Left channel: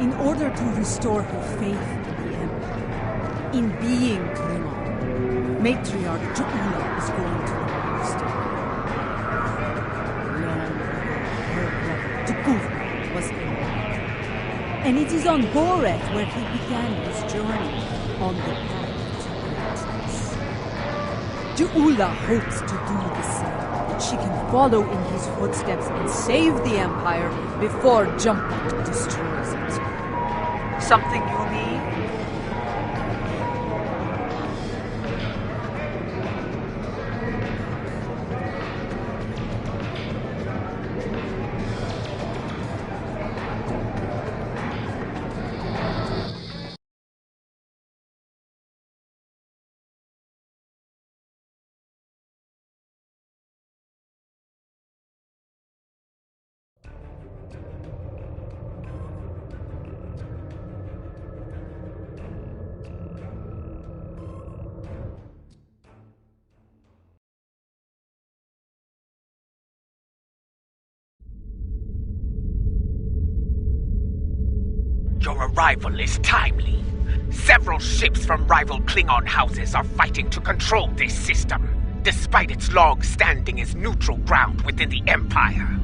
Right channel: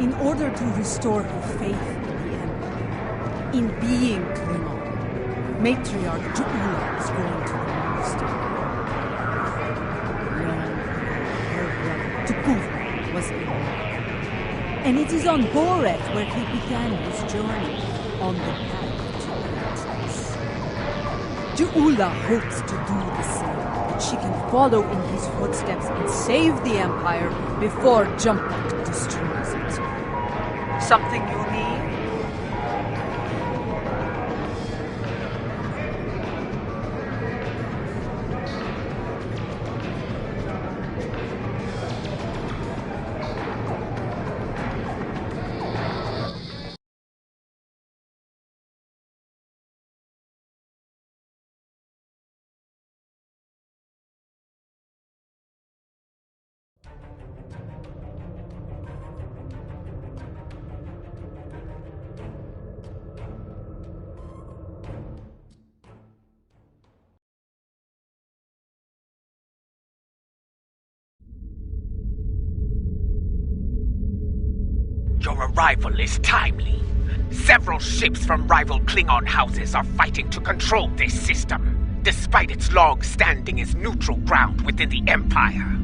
In order to restore her faith in the Empire, in being Klingon, Matriarch Ju'ula is going to the monastery. Long ago, her brother Tu'kuv was ill. And it is on BORETH where he began his journey on the path to greatness. Ju'ula hopes to do the same, that she can follow in his footsteps and save the Empire before Jumpok destroys it. Something you need? Your arrival is timely. Several ships from rival Klingon houses are fighting to control this system, despite its long standing as neutral ground within the Empire.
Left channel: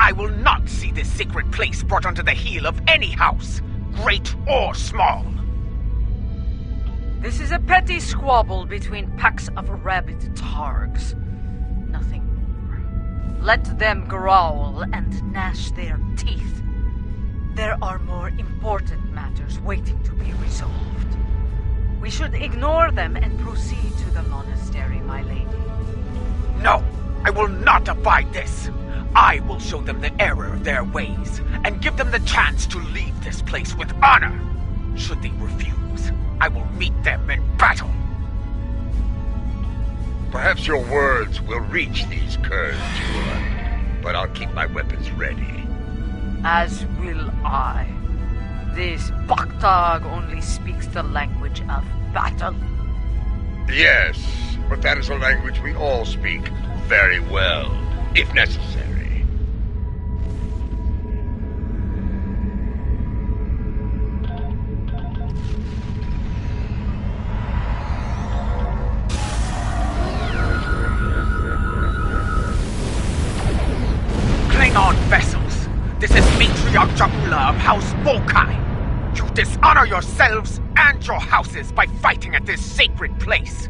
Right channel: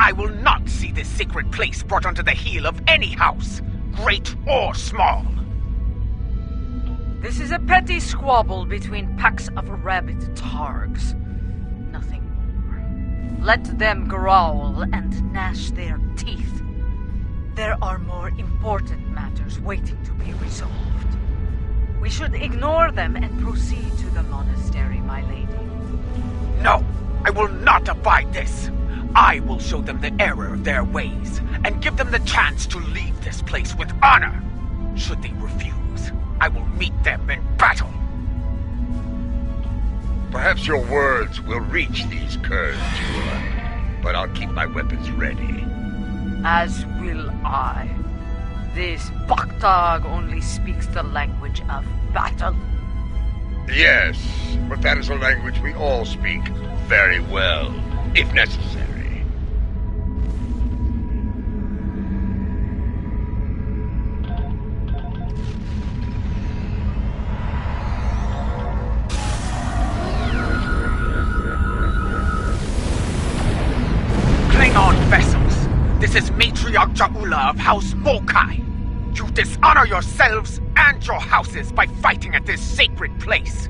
I will not see this sacred place brought under the heel of any house, great or small. This is a petty squabble between packs of rabid targs. Nothing more. Let them growl and gnash their teeth. There are more important matters waiting to be resolved. We should ignore them and proceed to the monastery, my lady. No, I will not abide this. I will show them the error of their ways, and give them the chance to leave this place with honor. Should they refuse, I will meet them in battle. Perhaps your words will reach these Kurds, but I'll keep my weapons ready. As will I. This Baktag only speaks the language of battle. Yes, but that is a language we all speak very well, if necessary. Klingon vessels, this is Matriarch Ju'ula of House Bokai. You dishonor yourselves and your houses by fighting at this sacred place.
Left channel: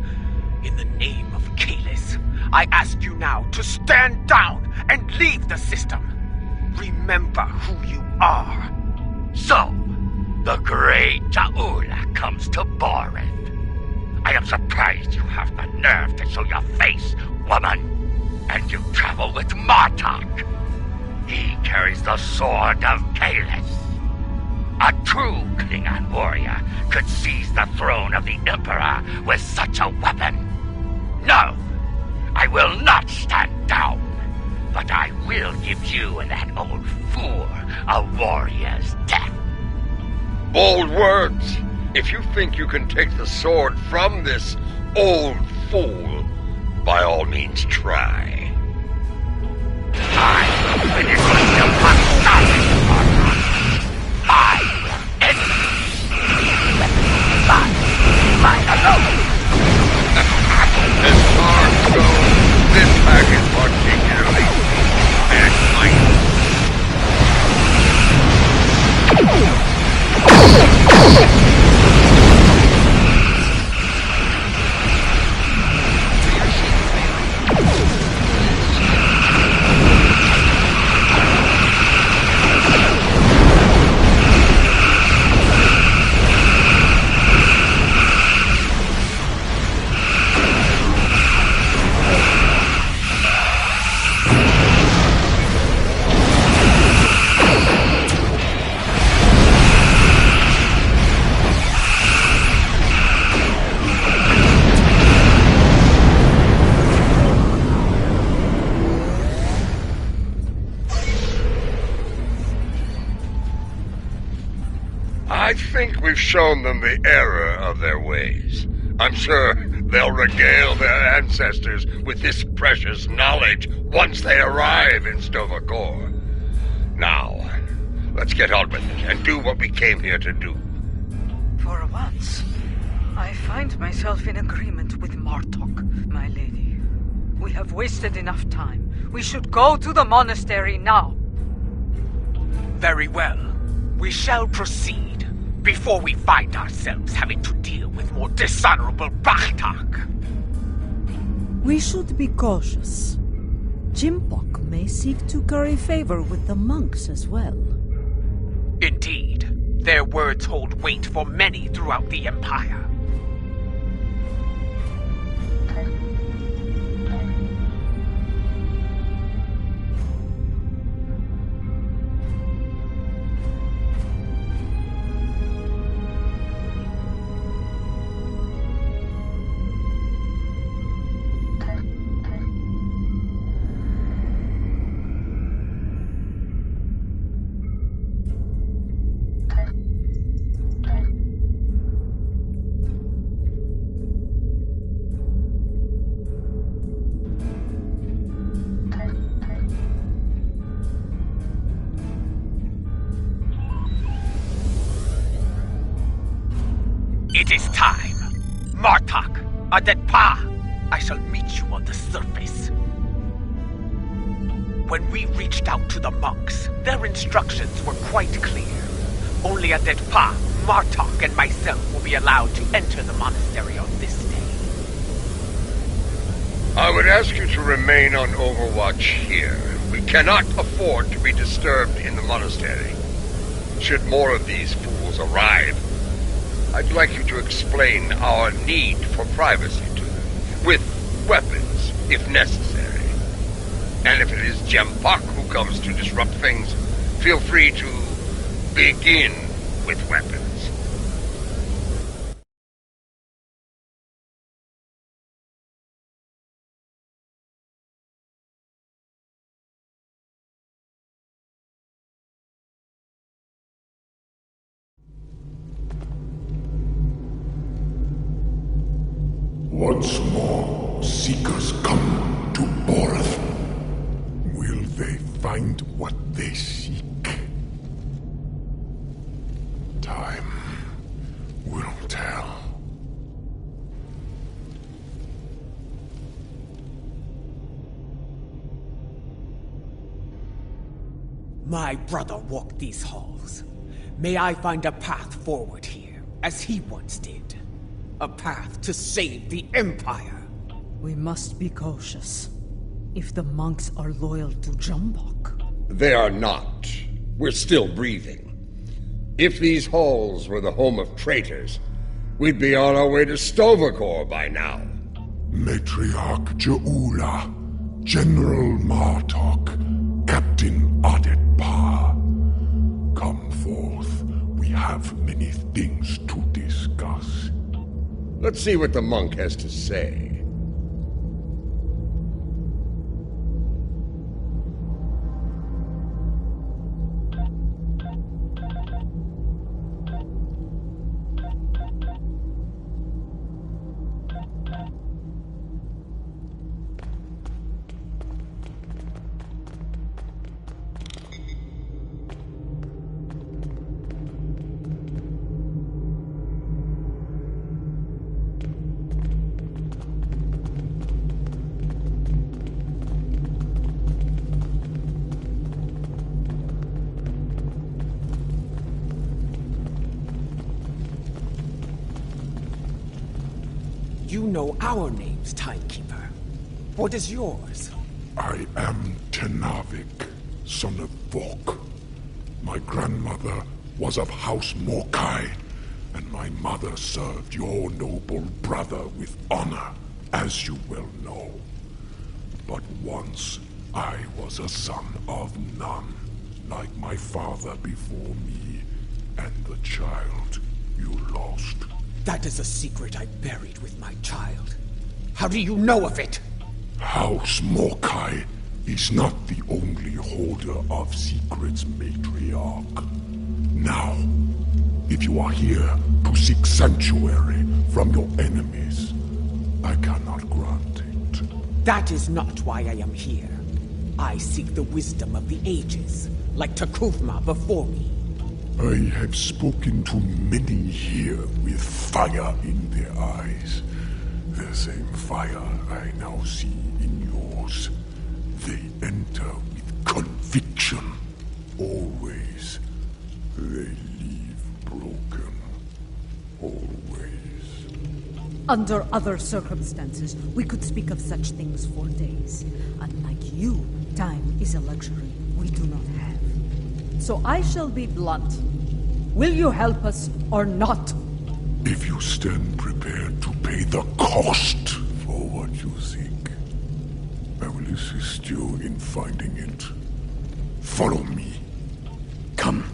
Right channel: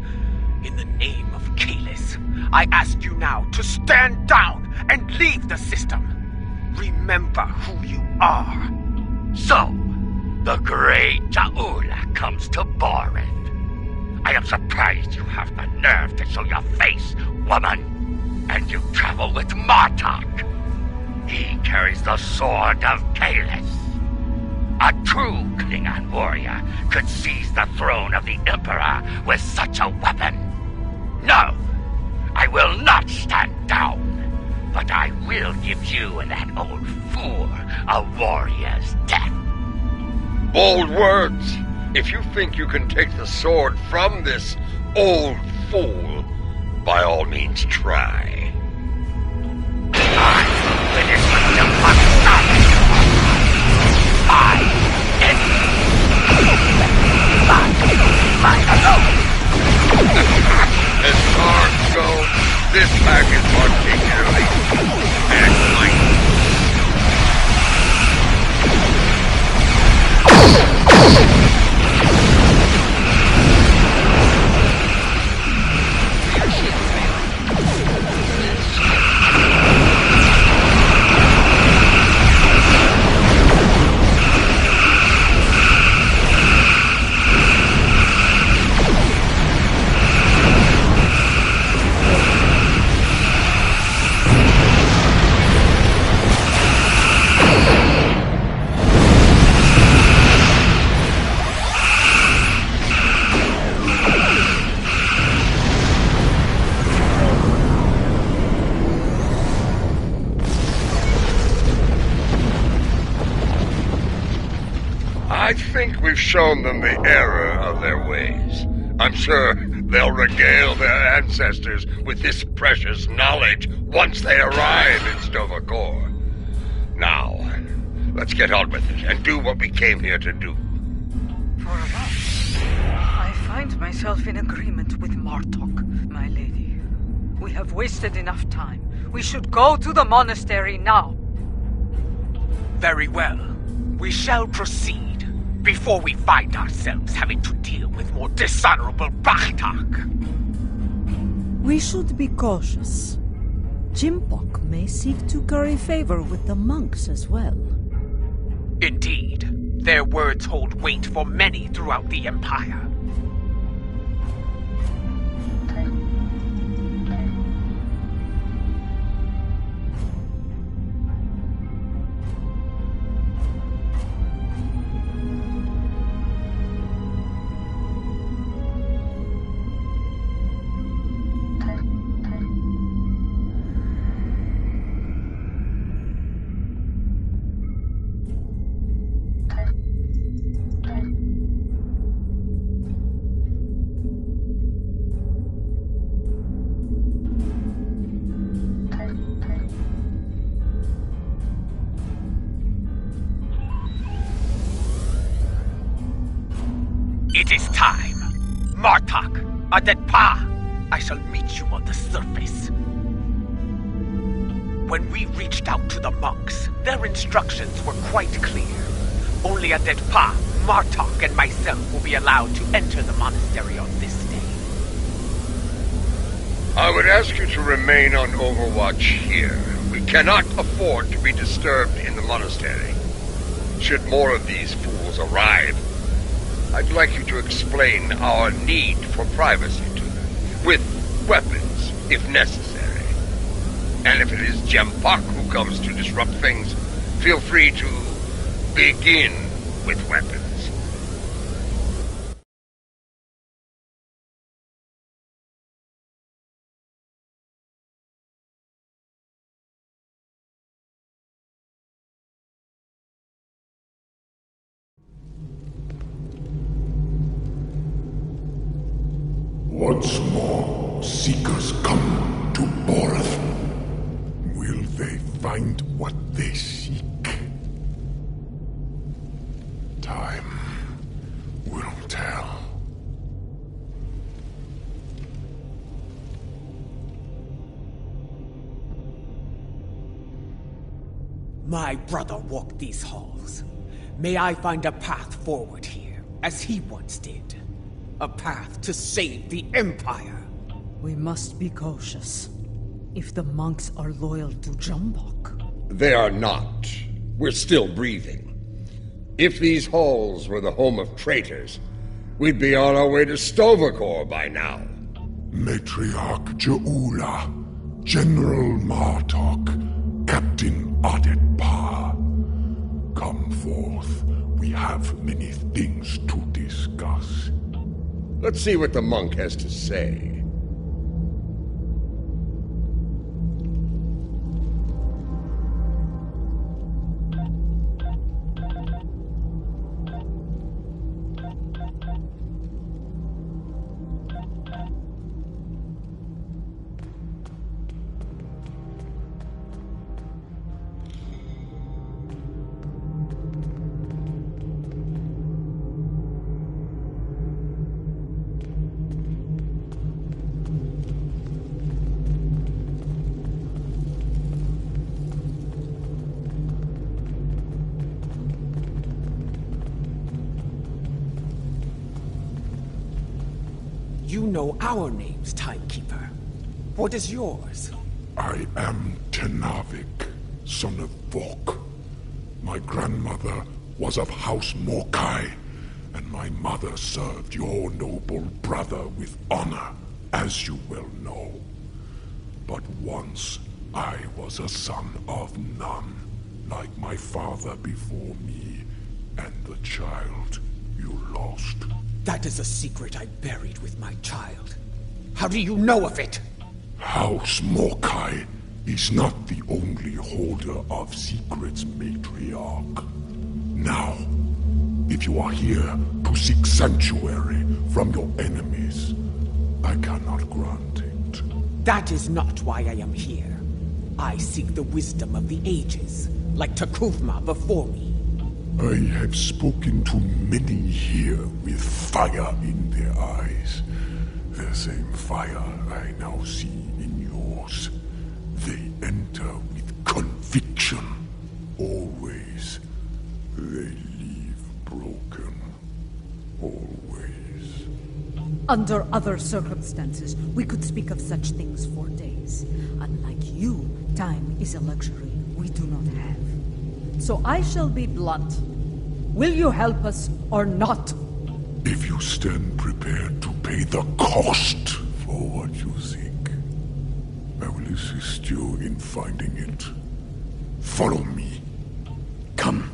In the name of Kalis, I ask you now to stand down and leave the system. Remember who you are. So, the great Ju'ula comes to BORETH. I am surprised you have the nerve to show your face, woman. And you travel with Martok. He carries the sword of Kalis. A true Klingon warrior could seize the throne of the Emperor with such a weapon. No, I will not stand down, but I will give you and that old fool a warrior's death. Bold words! If you think you can take the sword from this old fool, by all means try. I will finish what you must start. Mine alone. As far as goes, this pack is particularly I think we've shown them the error of their ways. I'm sure they'll regale their ancestors with this precious knowledge once they arrive in Stovacor. Now, Let's get on with it and do what we came here to do. For once, I find myself in agreement with Martok, my lady. We have wasted enough time. We should go to the monastery now. Very well. We shall proceed, before we find ourselves having to deal with more dishonorable Bartok. We should be cautious. Jimpok may seek to curry favor with the monks as well. Indeed. Their words hold weight for many throughout the Empire. It is time. Martok, Adetpa, I shall meet you on the surface. When we reached out to the monks, their instructions were quite clear. Only Adetpa, Martok, and myself will be allowed to enter the monastery on this day. I would ask you to remain on overwatch here. We cannot afford to be disturbed in the monastery. Should more of these fools arrive, I'd like you to explain our need for privacy to them, with weapons, if necessary. And if it is Jempok who comes to disrupt things, feel free to begin with weapons. Once more, seekers come to BORETH. Will they find what they seek? Time will tell. My brother walked these halls. May I find a path forward here, as he once did. A path to save the Empire. We must be cautious. If the monks are loyal to Jimpok. They are not. We're still breathing. If these halls were the home of traitors, we'd be on our way to Stovacor by now. Matriarch Je'ula, General Martok, Captain Adetpa. Come forth. We have many things to discuss. Let's see what the monk has to say. You know our names, Timekeeper. What is yours? I am Tenavik, son of Vok. My grandmother was of House Morkai, and my mother served your noble brother with honor, as you well know. But once, I was a son of none, like my father before me, and the child you lost. That is a secret I buried with my child. How do you know of it? House Morkai is not the only holder of secrets, Matriarch. Now, if you are here to seek sanctuary from your enemies, I cannot grant it. That is not why I am here. I seek the wisdom of the ages, like Takufma before me. I have spoken to many here with fire in their eyes. The same fire I now see in yours. They enter with conviction. Always. They leave broken. Always. Under other circumstances, we could speak of such things for days. Unlike you, time is a luxury we do not have. So I shall be blunt. Will you help us or not? If you stand prepared to pay the cost for what you seek, I will assist you in finding it. Follow me. Come.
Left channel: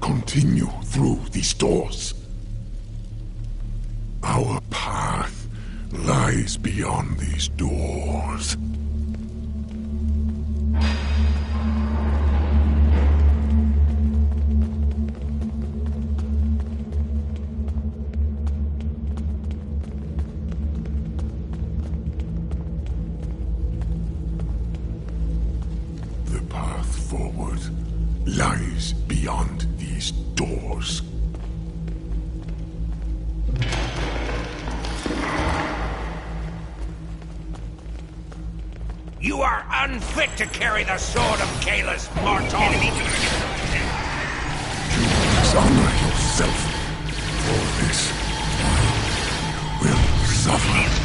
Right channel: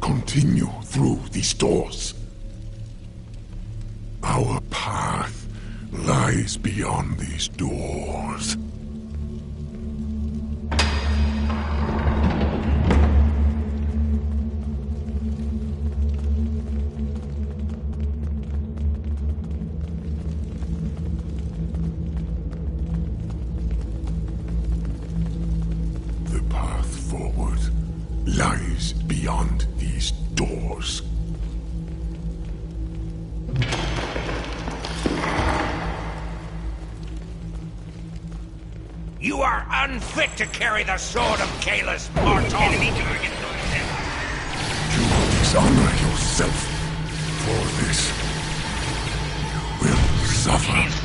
Continue through these doors. Our path lies beyond these doors. The path forward lies beyond these doors. You are unfit to carry the sword of Kalis, Martok! Enemy target sighted. You dishonor yourself. For this, you will suffer.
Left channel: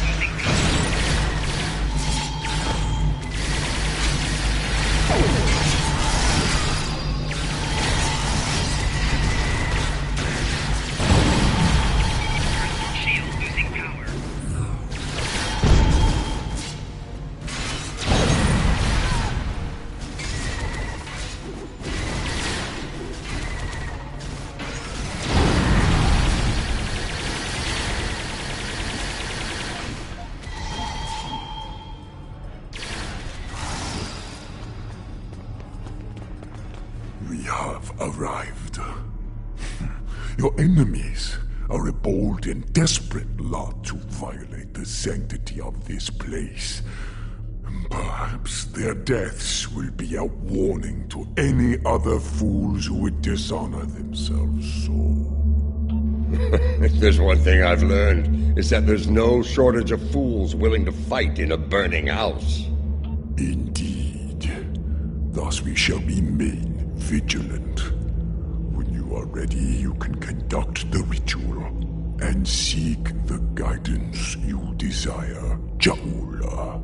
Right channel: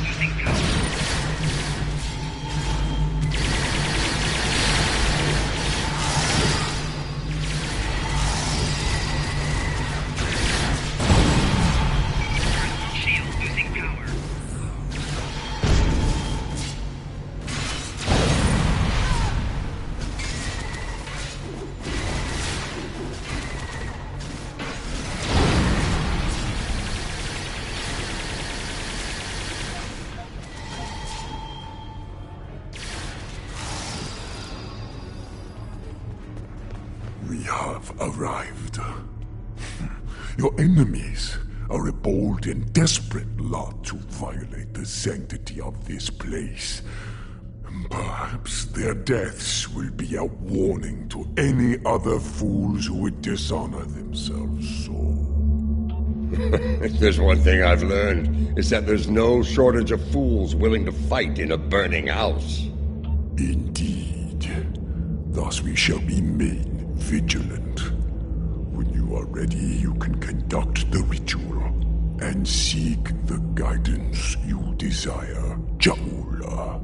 We have arrived. Your enemies are a bold and desperate lot to violate the sanctity of this place. Perhaps their deaths will be a warning to any other fools who would dishonor themselves so. If there's one thing I've learned, it's that there's no shortage of fools willing to fight in a burning house. Indeed. Thus we shall remain vigilant. When you are ready, you can conduct the ritual and seek the guidance you desire, Jaula.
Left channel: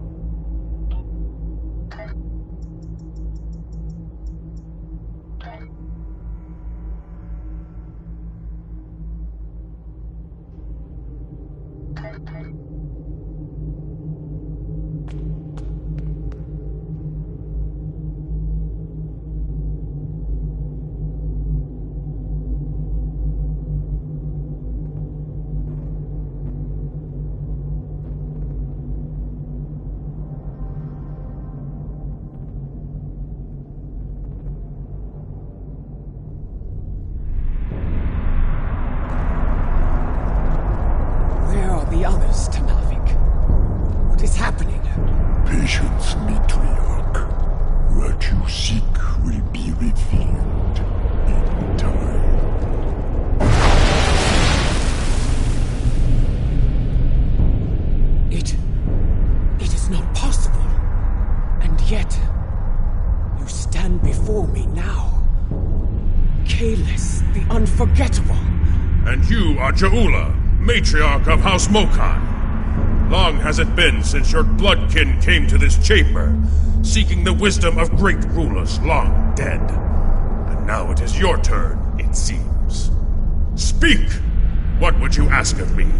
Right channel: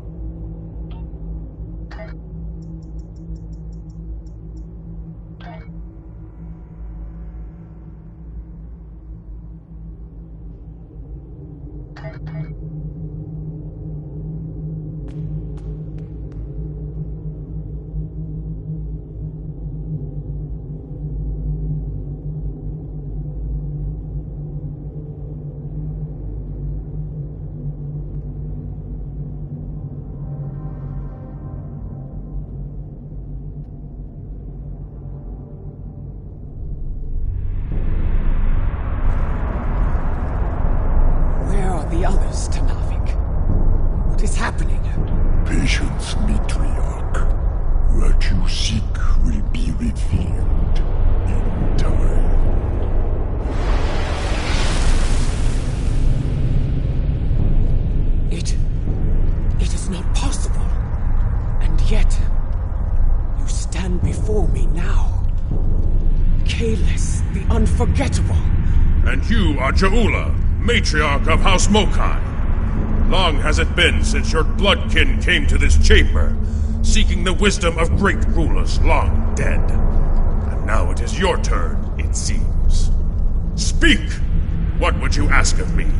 The others, Tanavik. What is happening? Patience, matriarch. What you seek will be revealed in time. It is not possible. And yet, you stand before me now. Kalis, the unforgettable. And you are Jaula, matriarch of House Mokai. Long has it been since your bloodkin came to this chamber, seeking the wisdom of great rulers long dead. And now it is your turn, it seems. Speak! What would you ask of me?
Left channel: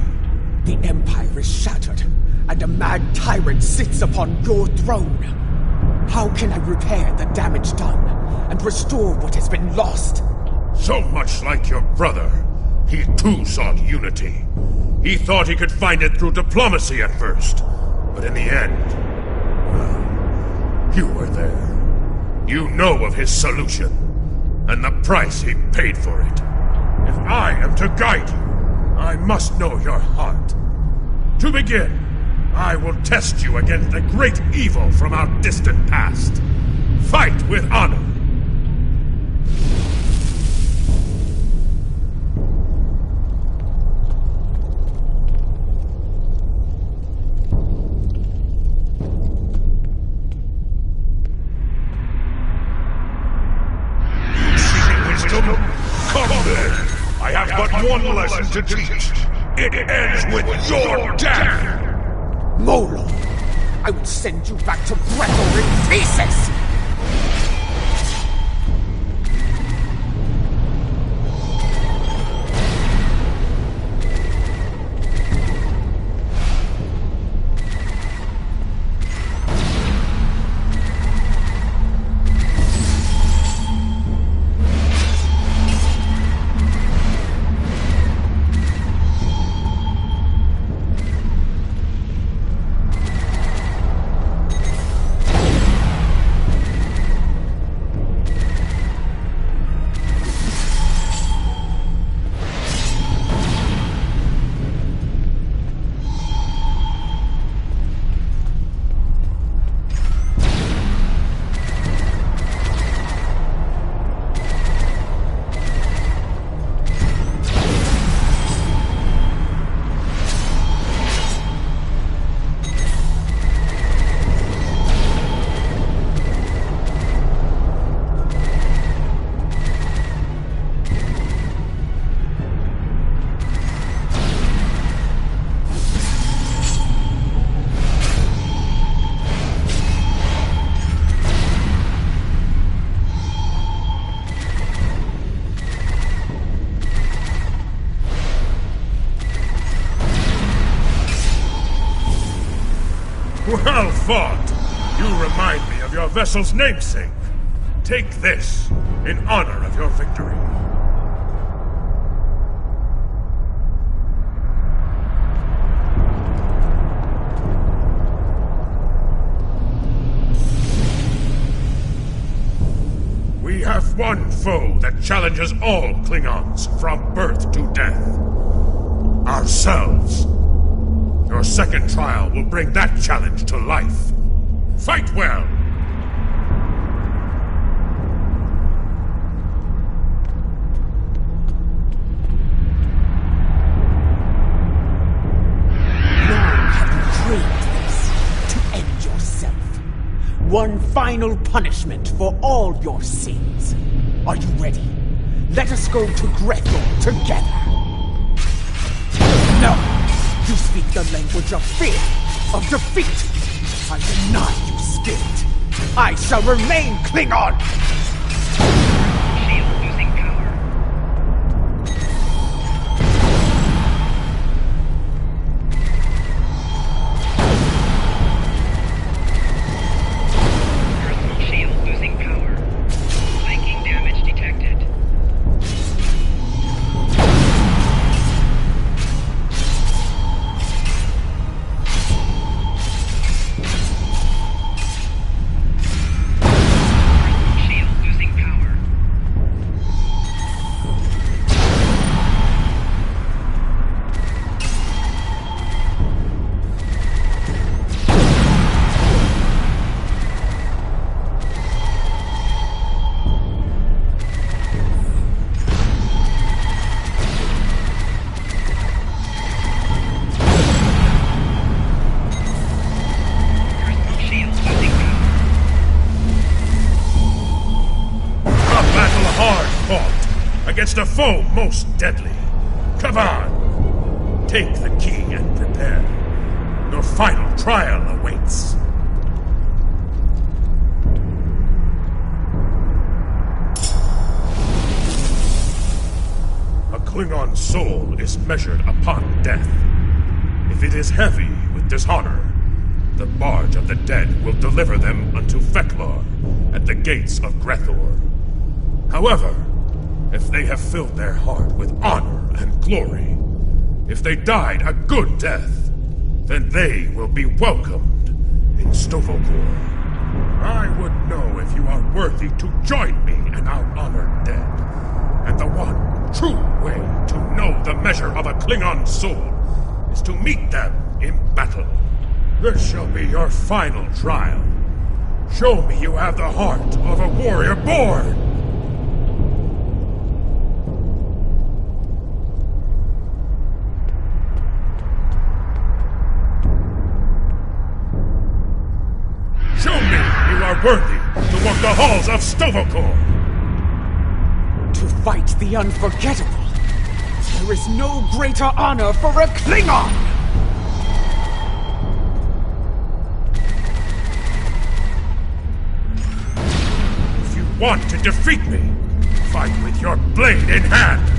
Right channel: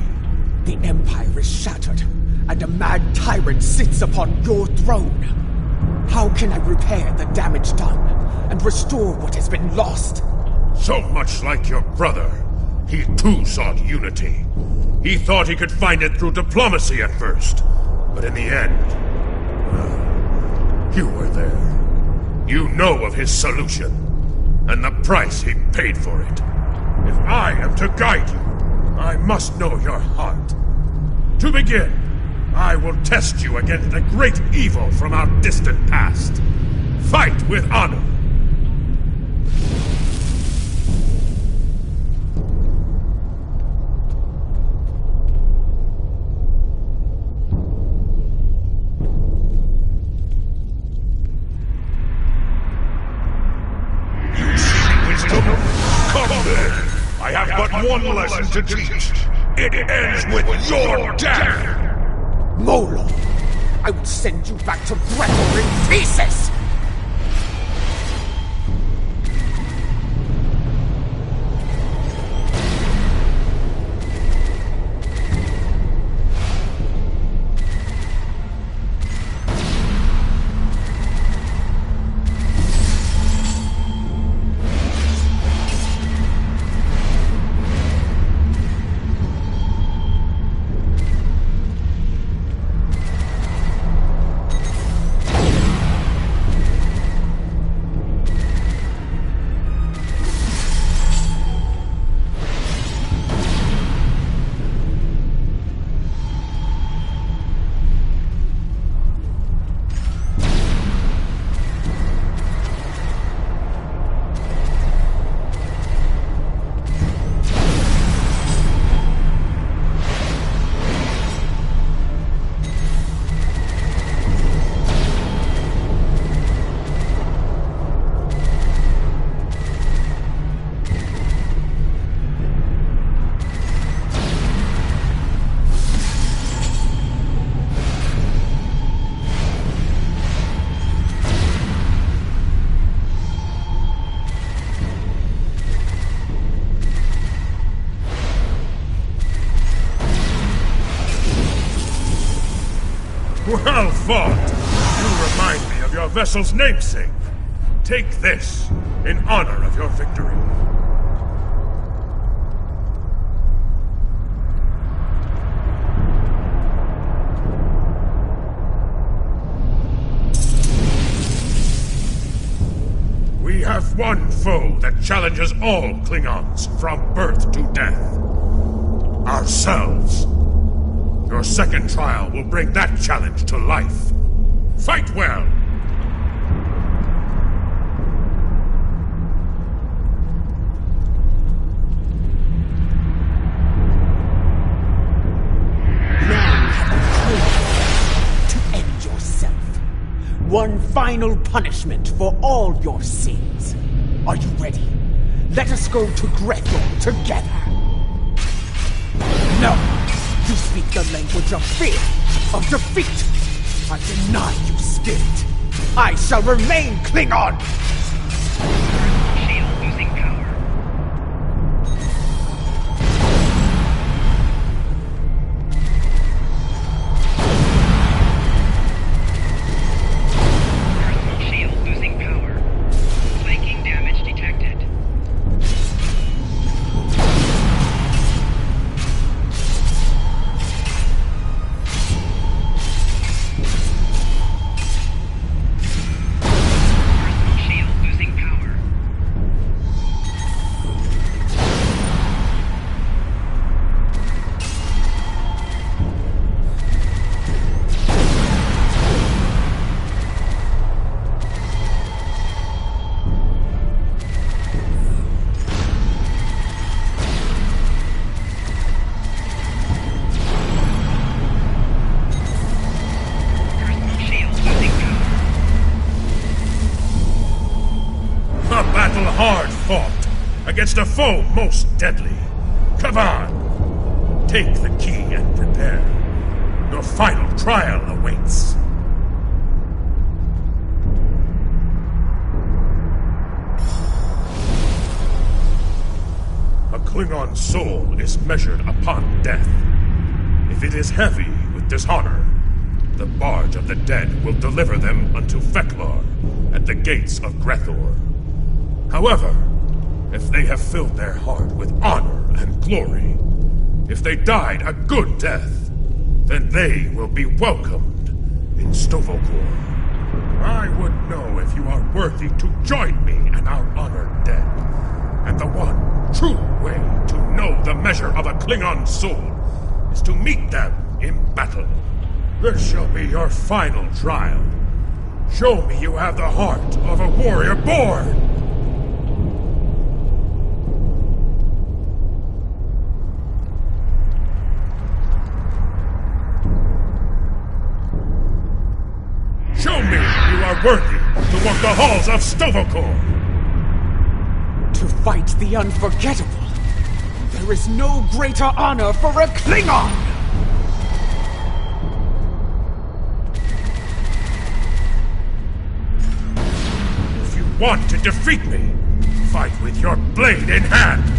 The Empire is shattered, and a mad tyrant sits upon your throne. How can I repair the damage done, and restore what has been lost? So much like your brother, He too sought unity. He thought he could find it through diplomacy at first. But in the end, well, you were there. You know of his solution, and the price he paid for it. If I am to guide you, I must know your heart. To begin, I will test you against the great evil from our distant past. Fight with honor. You seek wisdom? Come then! I have but one lesson to teach. It ends with your death! Molo, I will send you back to Gretor in pieces! Well fought! You remind me of your vessel's namesake. Take this, in honor of your victory. We have one foe that challenges all Klingons from birth to death. Ourselves. Your second trial will bring that challenge to life. Fight well! Long have you craved this, to end yourself. One final punishment for all your sins. Are you ready? Let us go to Gretor together. No! You speak the language of fear, of defeat. I deny you, spirit. I shall remain Klingon! Shield losing power. Personal shield losing power. Flanking damage detected. Hard fought against a foe most deadly. Come on! Take the key and prepare. Your final trial awaits. A Klingon soul is measured upon death. If it is heavy with dishonor, the barge of the dead will deliver them unto Feklar at the gates of Gretor. However, if they have filled their heart with honor and glory, if they died a good death, then they will be welcomed in Stovokor. I would know if you are worthy to join me and our honored dead. And the one true way to know the measure of a Klingon soul is to meet them in battle. This shall be your final trial. Show me you have the heart of a warrior born! Show me you are worthy to walk the halls of Stovokor! To fight the unforgettable, there is no greater honor for a Klingon! If you want to defeat me, fight with your blade in hand!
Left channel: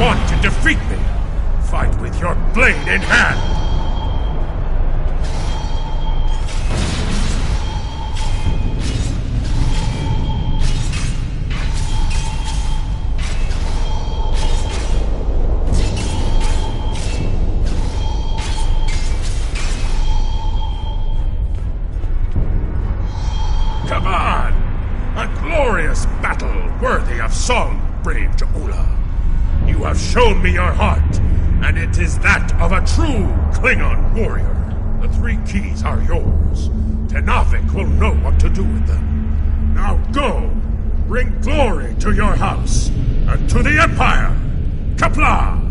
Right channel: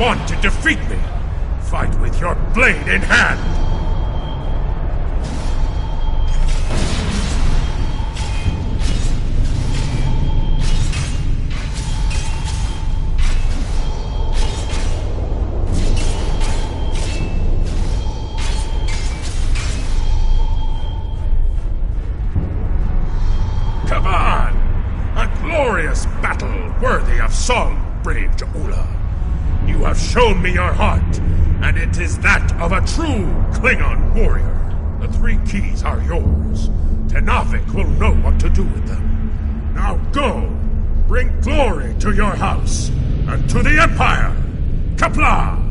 Want to defeat me? Fight with your blade in hand! Come on! A glorious battle worthy of song, brave Ja'ula. You have shown me your heart, and it is that of a true Klingon warrior. The 3 keys are yours. Tenavik will know what to do with them. Now go! Bring glory to your house, and to the Empire! Kapla!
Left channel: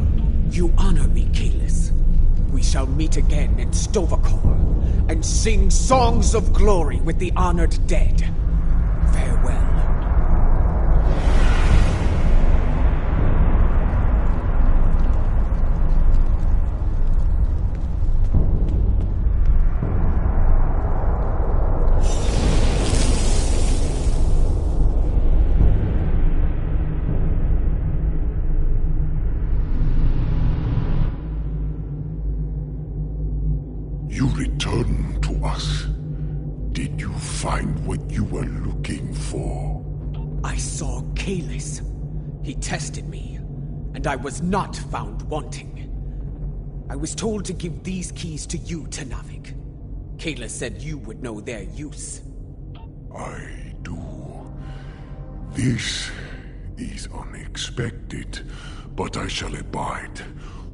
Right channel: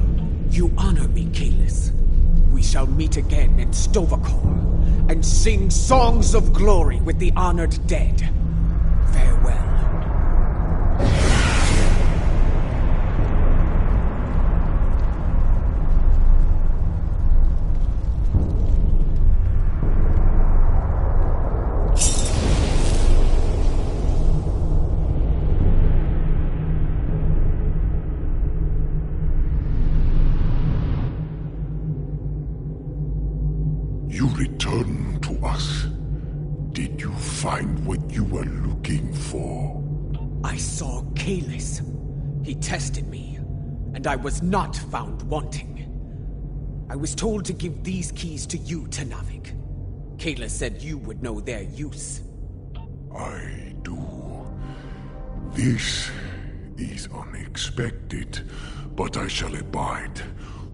You honor me, Kalis. We shall meet again in Stovokor, and sing songs of glory with the honored dead. Farewell. You returned to us. Did you find what you were looking for? I saw Kalis. He tested me, and I was not found wanting. I was told to give these keys to you, Tenavik. Kalis said you would know their use. I do. This is unexpected, but I shall abide.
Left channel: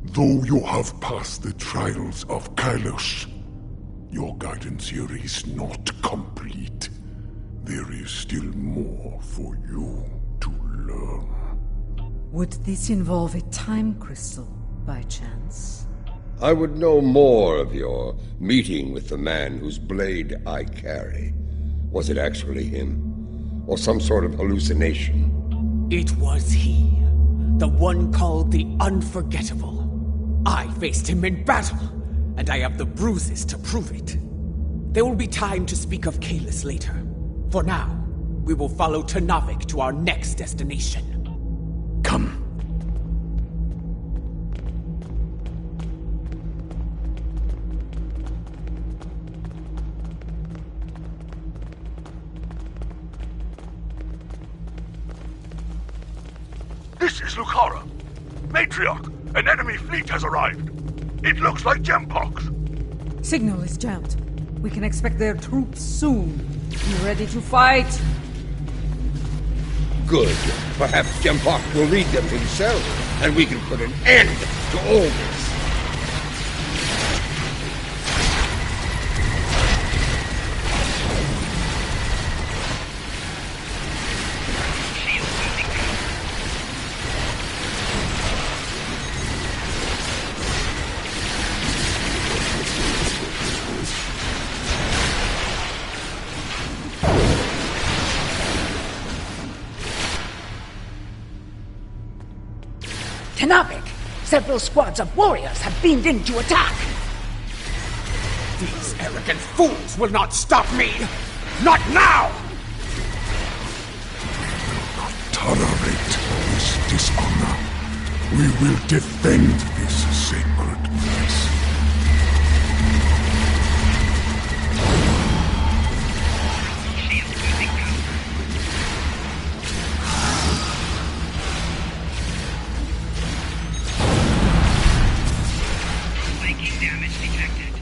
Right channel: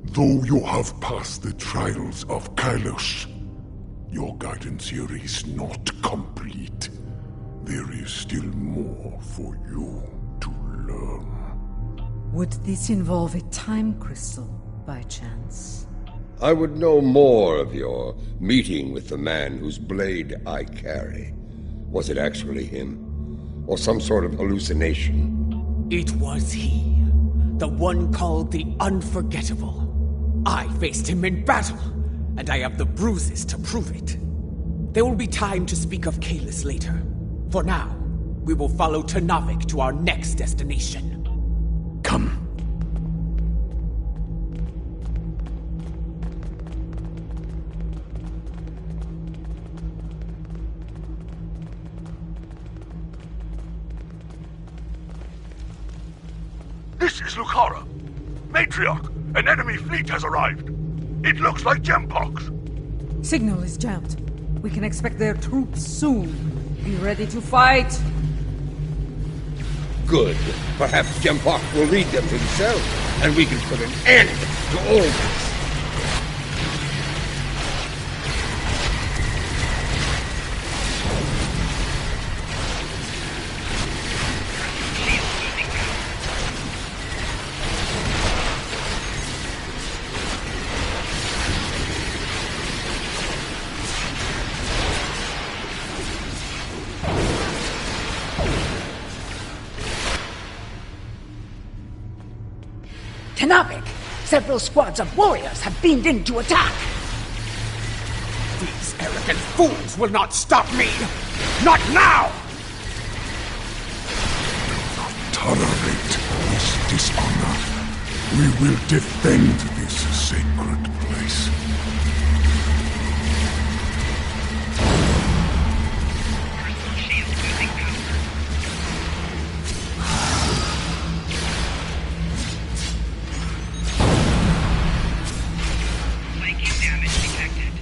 Though you have passed the trials of Kylos, your guidance here is not complete. There is still more for you to learn. Would this involve a time crystal, by chance? I would know more of your meeting with the man whose blade I carry. Was it actually him? Or some sort of hallucination? It was he. The one called the Unforgettable. I faced him in battle, and I have the bruises to prove it. There will be time to speak of Kalis later. For now, we will follow Tenavik to our next destination. Come. This is Lucara. Matriarch, an enemy fleet has arrived. It looks like Gempox. Signal is jammed. We can expect their troops soon. Be ready to fight. Good. Perhaps Gempox will lead them himself, and we can put an end to all this. Tenavik! Several squads of warriors have beamed in to attack! These arrogant fools will not stop me! Not now! Tolerate this dishonor. We will defend this sacred place. Shield losing power. Flanking damage detected.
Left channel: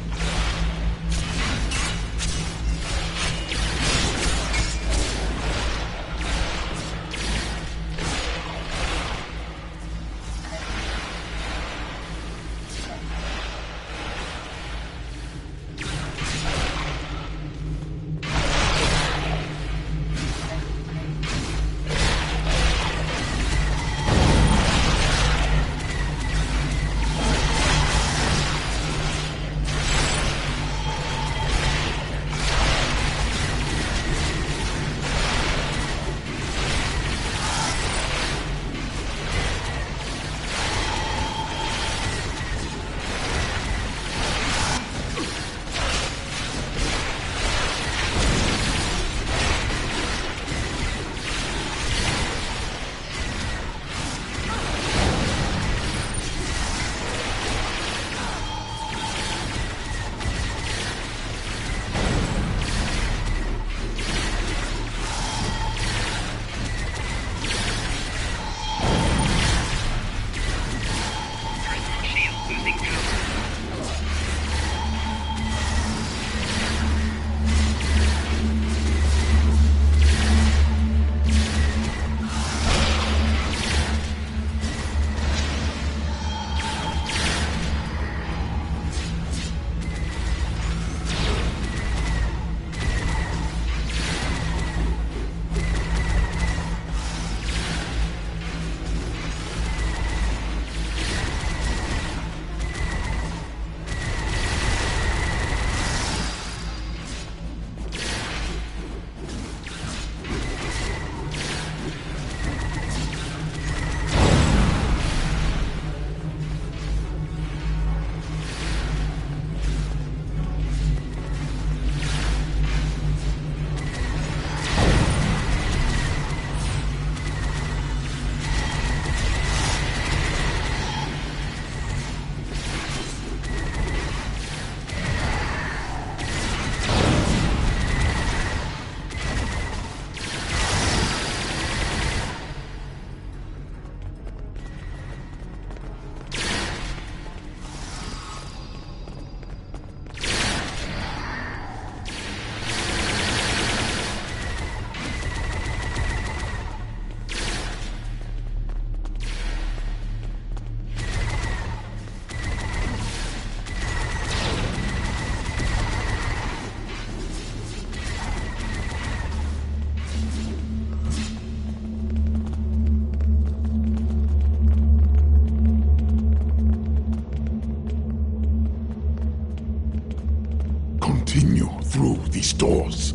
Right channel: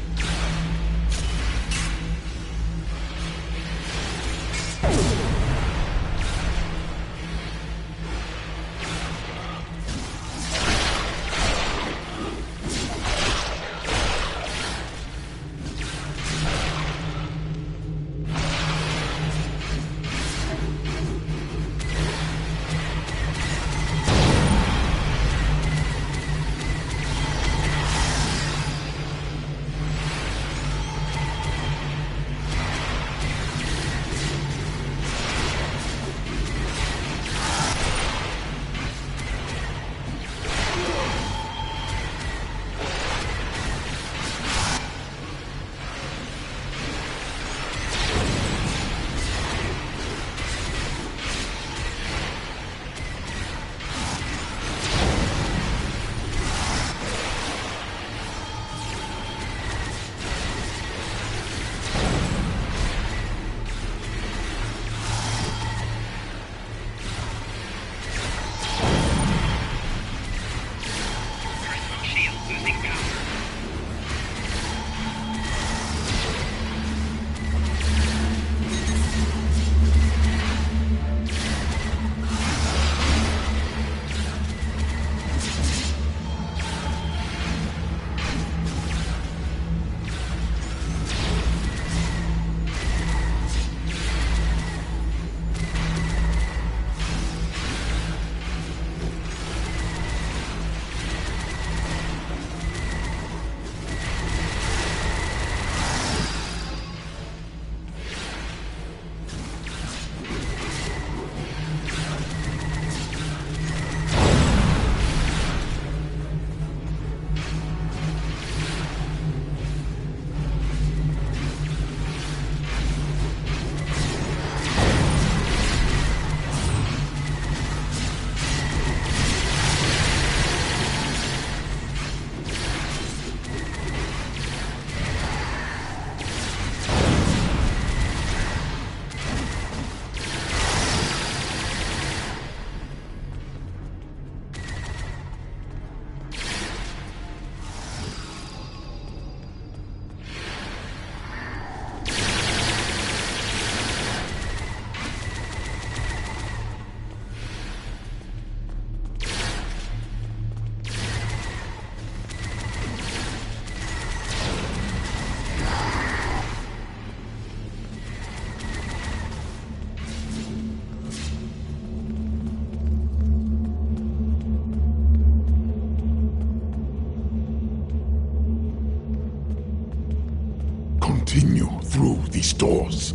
Continue through these doors.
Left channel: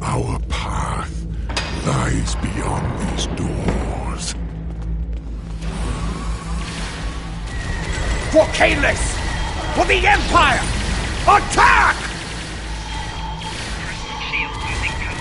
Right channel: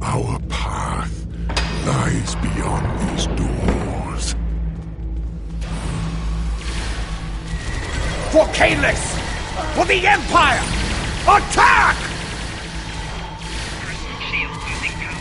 Our path lies beyond these doors. For Kalis! For the Empire! Attack! Shield losing power.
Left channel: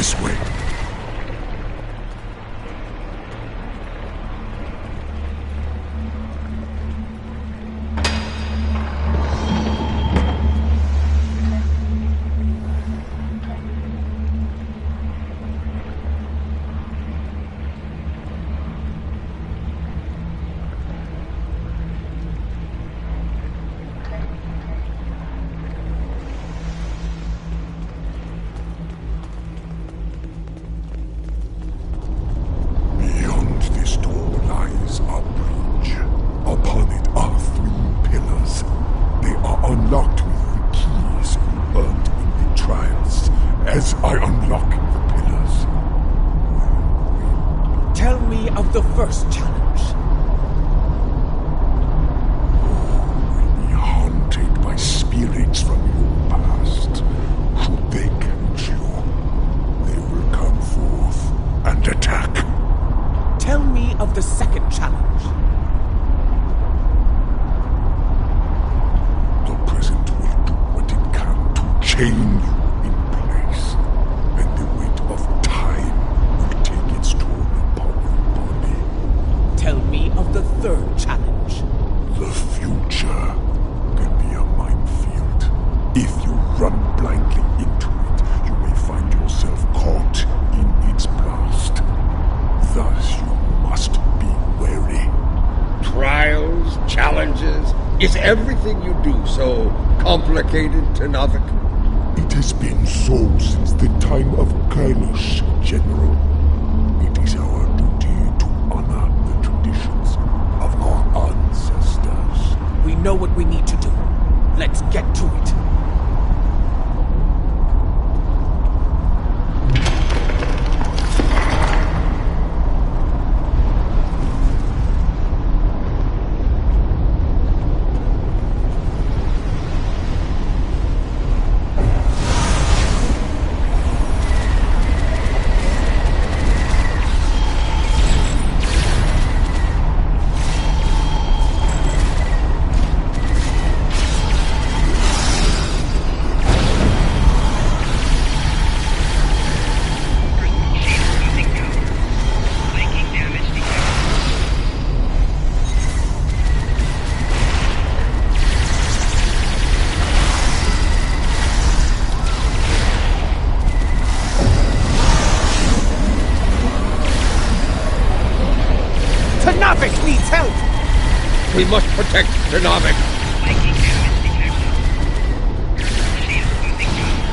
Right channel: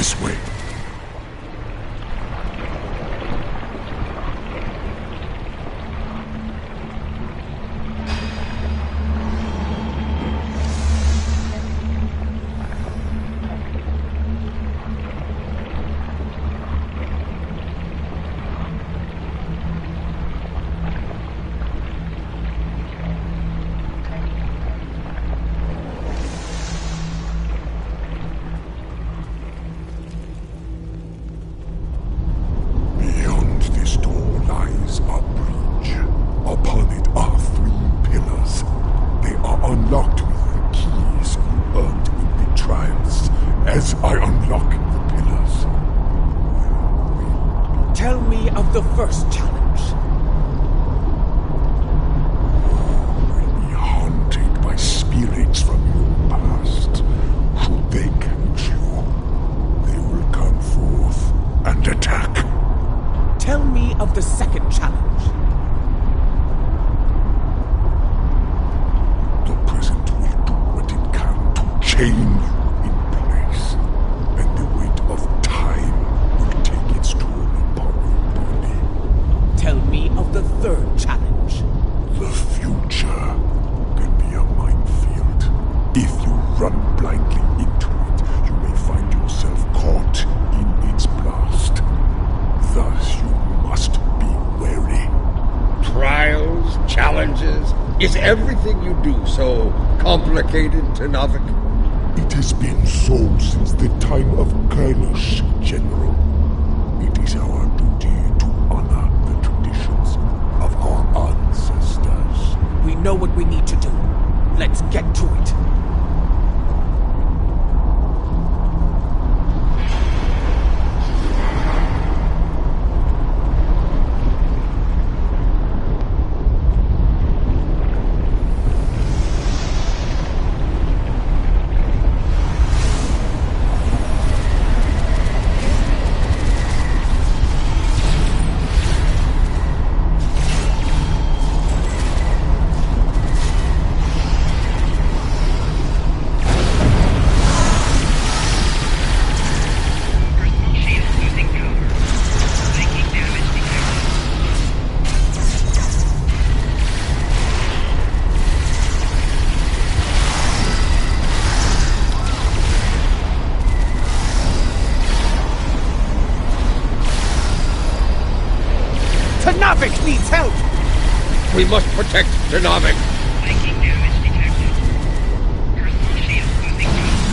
This way. The first challenge. Will be haunted by spirits from your past. Should they catch you, they will come forth and attack. Tell me of the second challenge. The present will do what it can to chain you in place, and the weight of time will take its toll upon you. Tell me of the third challenge. The future can be a minefield. If you run blindly into it, you may find yourself caught in its blast. Thus you must be wary. Trials, challenges, is everything you do so complicated, Tenavik? It has been so since the time of Kailash, General. It is our duty to honor the traditions of our ancestors. We know what we need to do. Let's get to it. Tenavik needs help! We must protect Tenavik. Flanking damage detected. Personal shield losing power.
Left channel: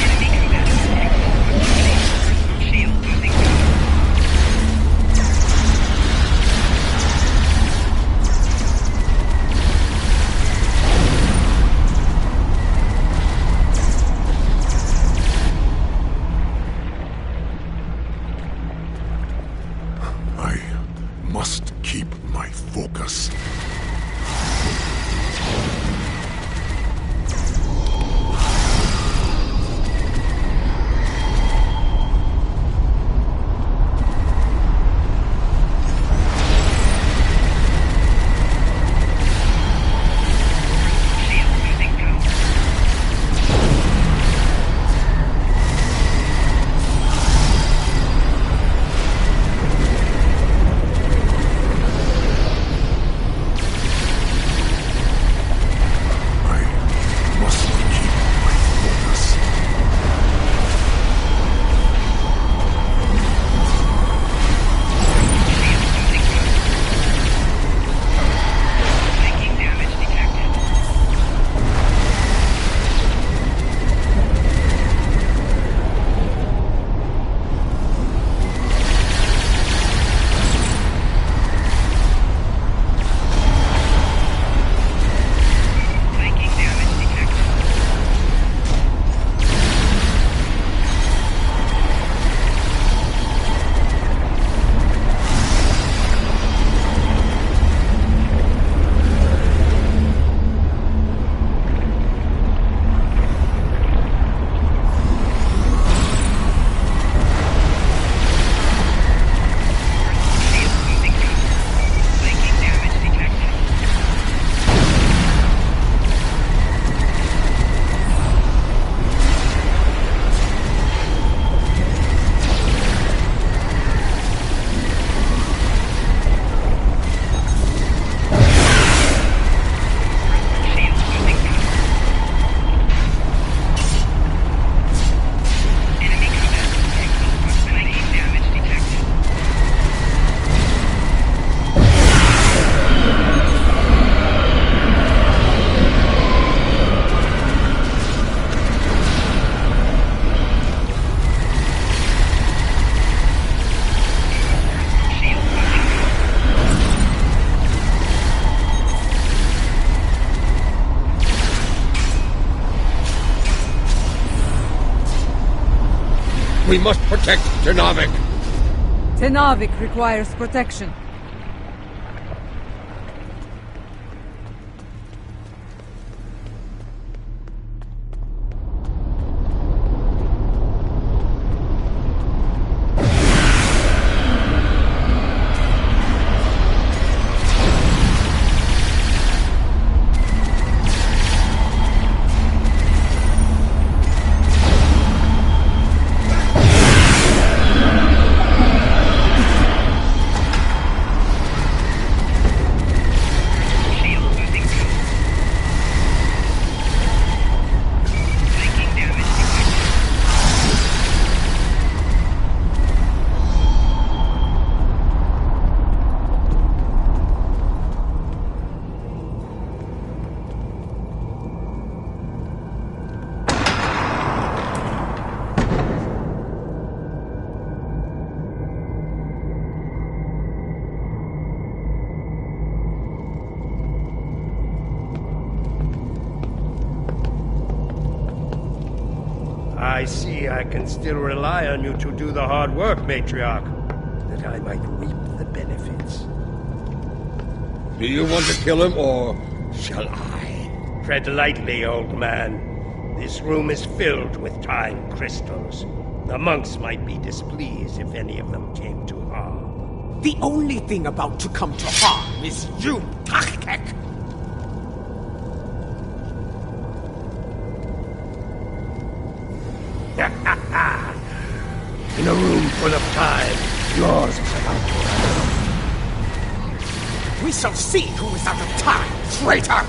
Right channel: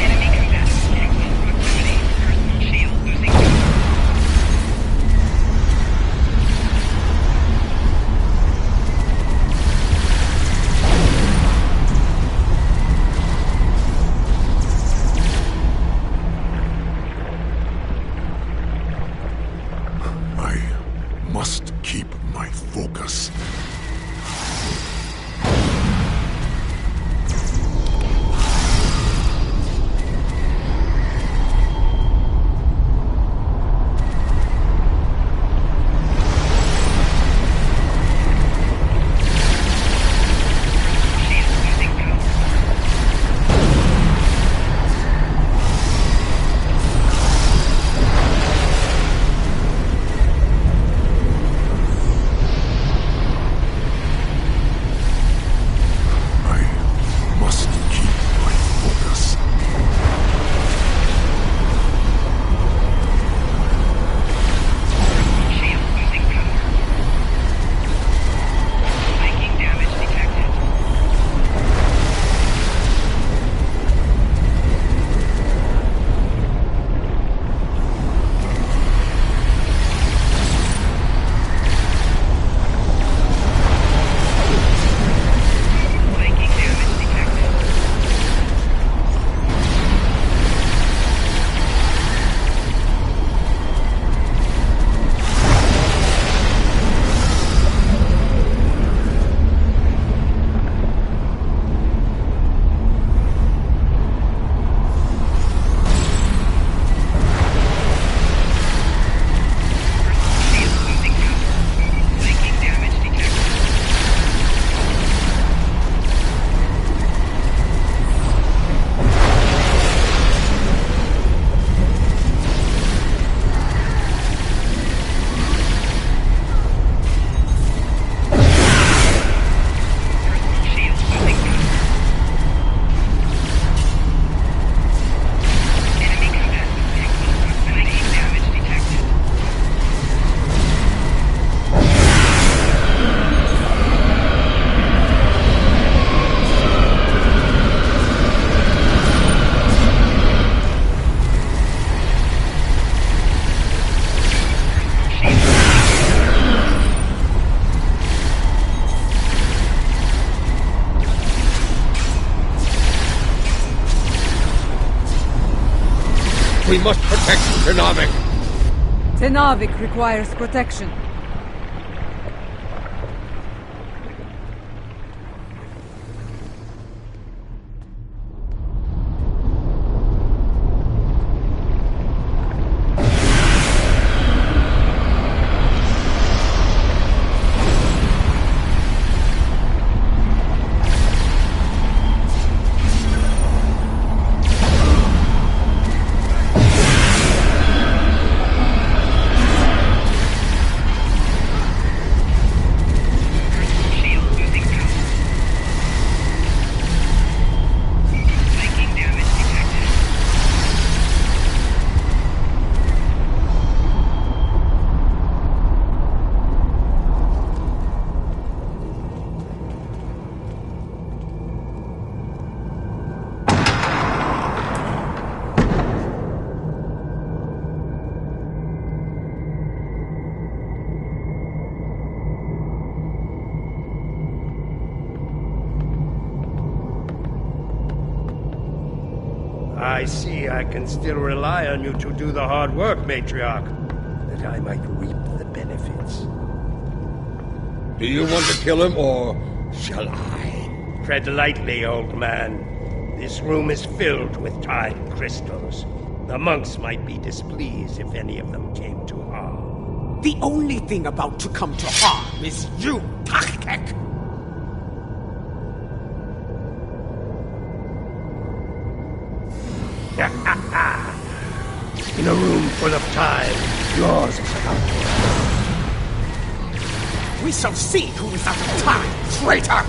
Enemy combatants excellent proximity. Personal shield losing power. We must protect Tenavik. Tenavik requires protection. I see I can still rely on you to do the hard work, Matriarch, that I might reap the benefits. Do you want to kill him, or shall I? Tread lightly, old man. This room is filled with time crystals. The monks might be displeased if any of them came to harm. The only thing about to come to harm is you, Tachkek! In a room full of time, yours is about to run. We shall see who is out of time, traitor!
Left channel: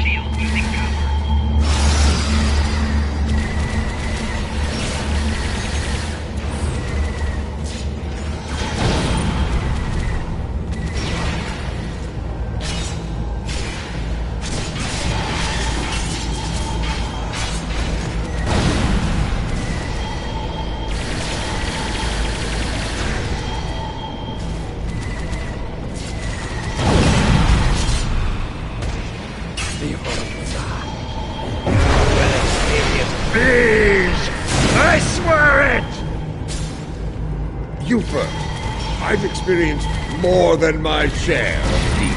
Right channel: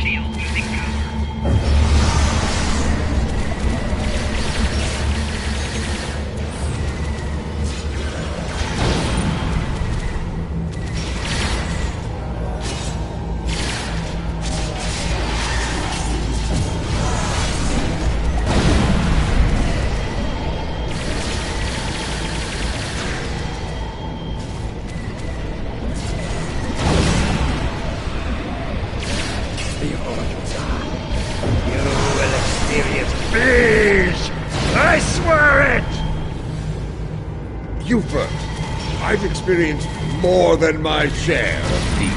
Shield losing power. You first. I've experienced more than my share of these.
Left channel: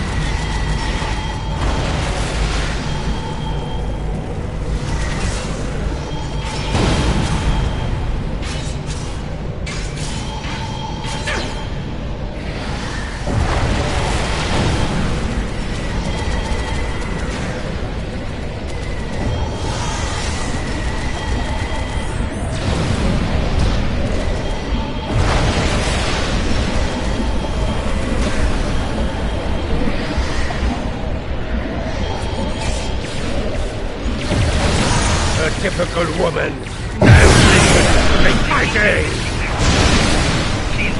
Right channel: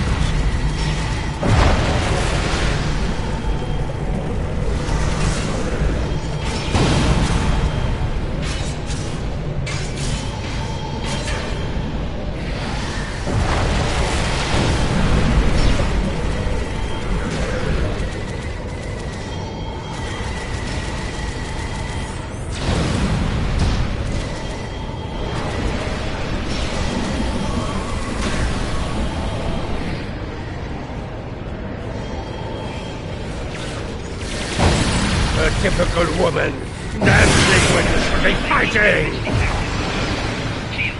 A typical woman, dancing when it should be fighting!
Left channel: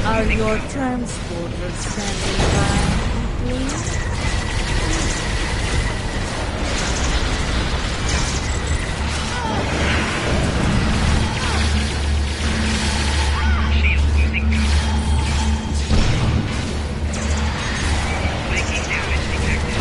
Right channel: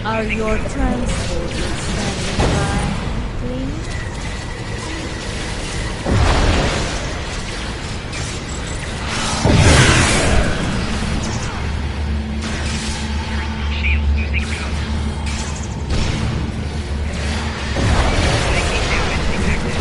Are your transporters standing by, please? Shield losing power. Flanking damage detected.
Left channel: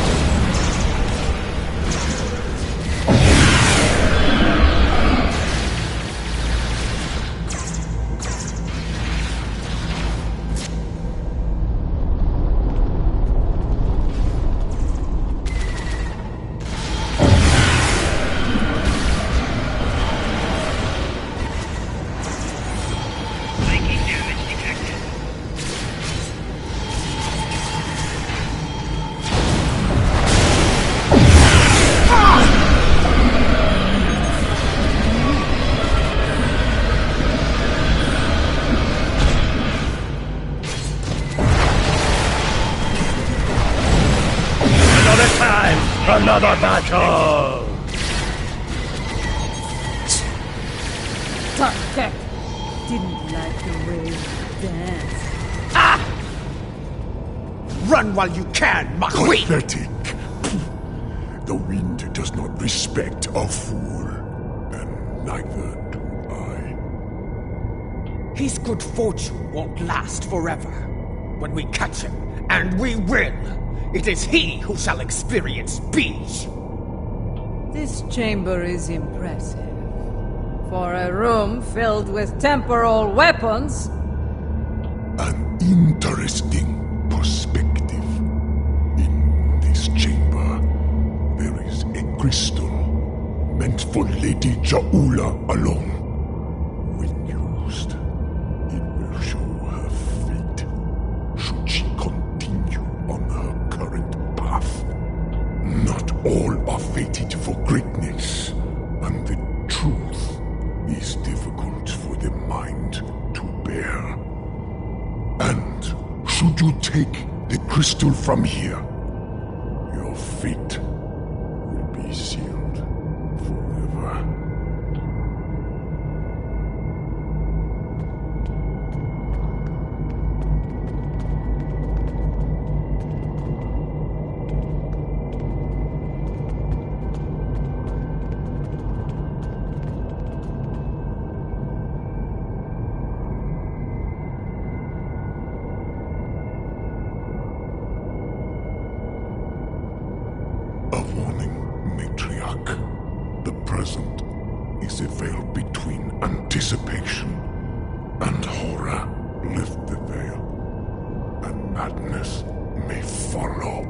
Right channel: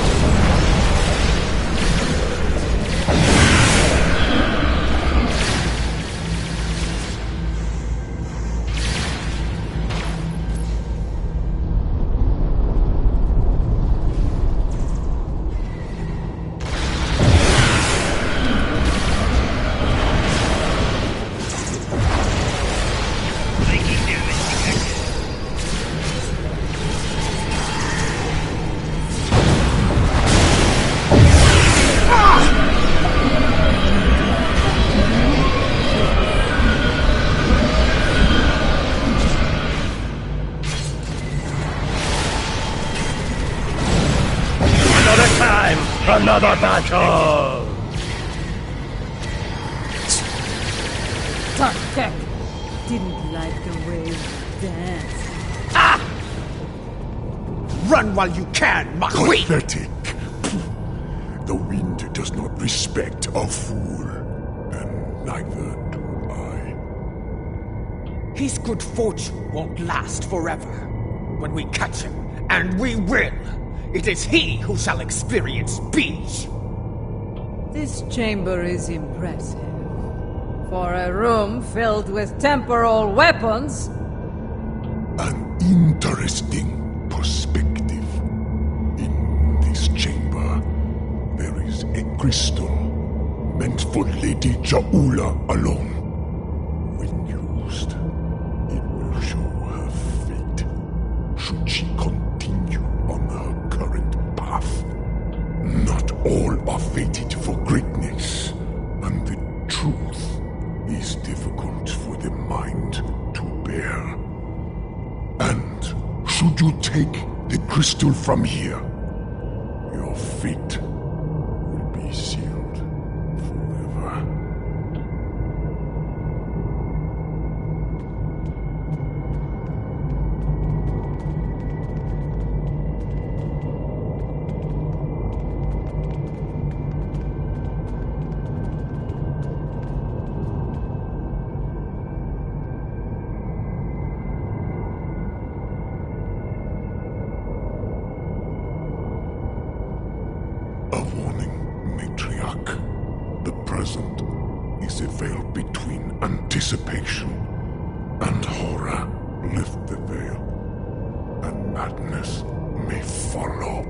Flanking damage detected. Another time, another battle! Tachkek didn't like the way you danced. Run while you can, Makwi! Pathetic. The wind does not respect a fool, and neither do I. His good fortune won't last forever. When we catch him, and we will, It is he who shall experience peace. This chamber is impressive. For a room filled with temporal weapons. An interesting perspective. In this chamber, there is a crystal meant for Lady Jaula alone. When used, it will show her fate, should she continue on her current path. Not all are fated for greatness, and the truth is difficult for the mind to bear. And should you take the crystal from here, your fate will be sealed forever. A warning, Matriarch. The present is a veil between anticipation and horror. Lift the veil, and madness may follow.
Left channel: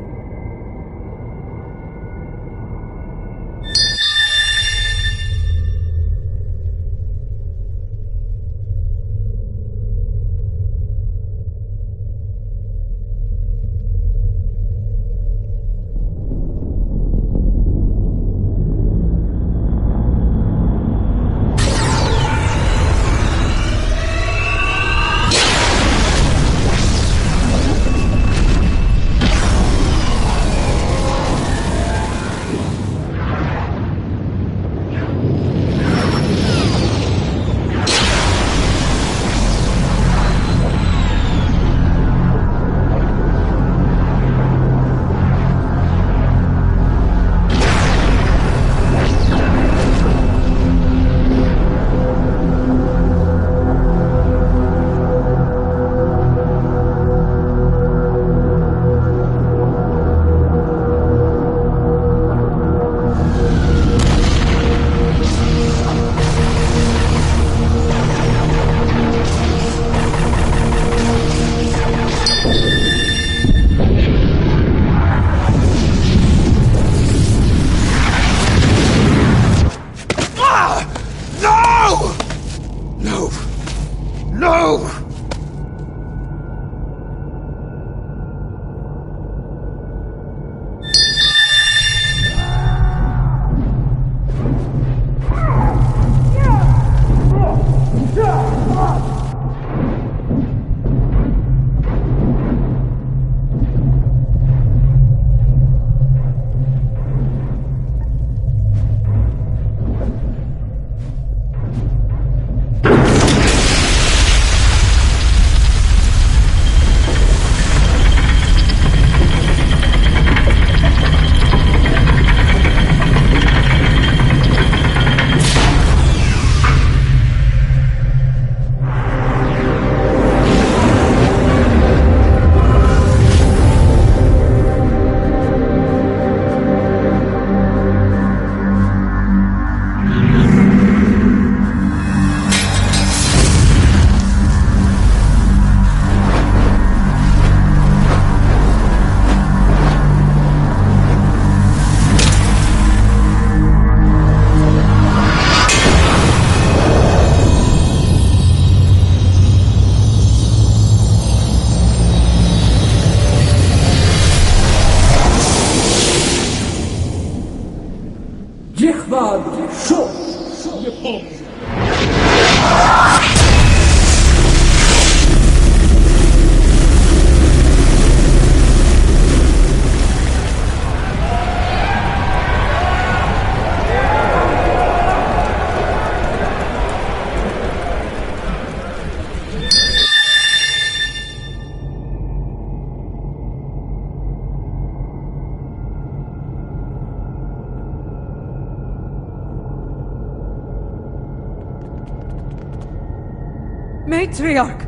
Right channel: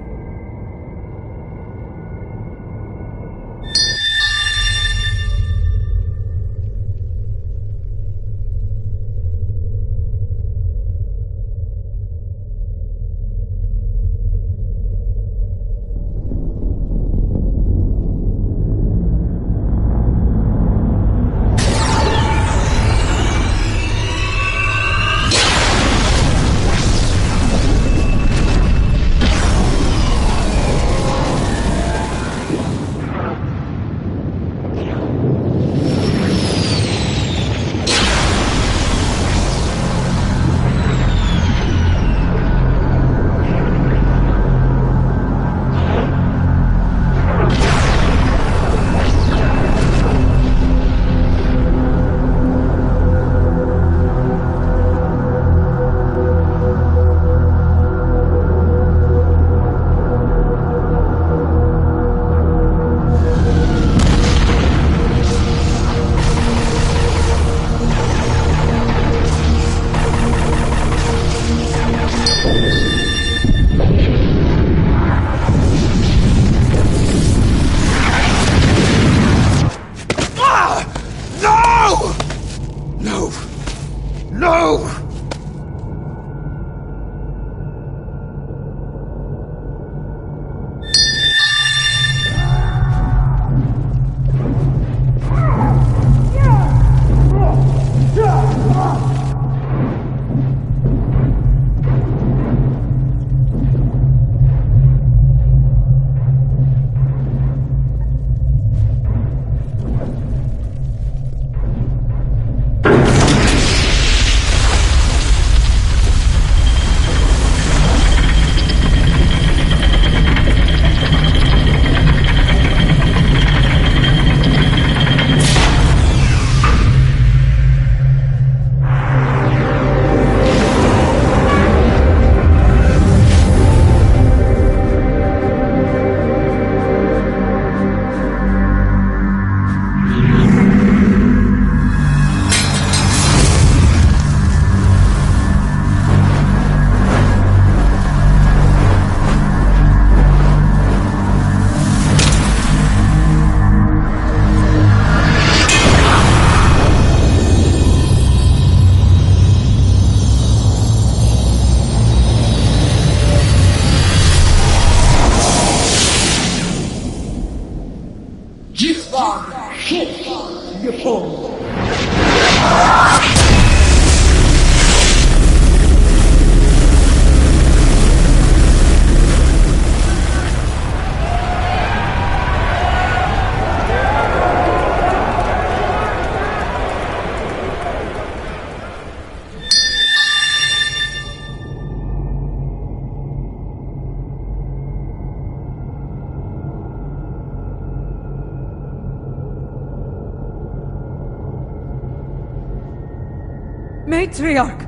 Matriarch!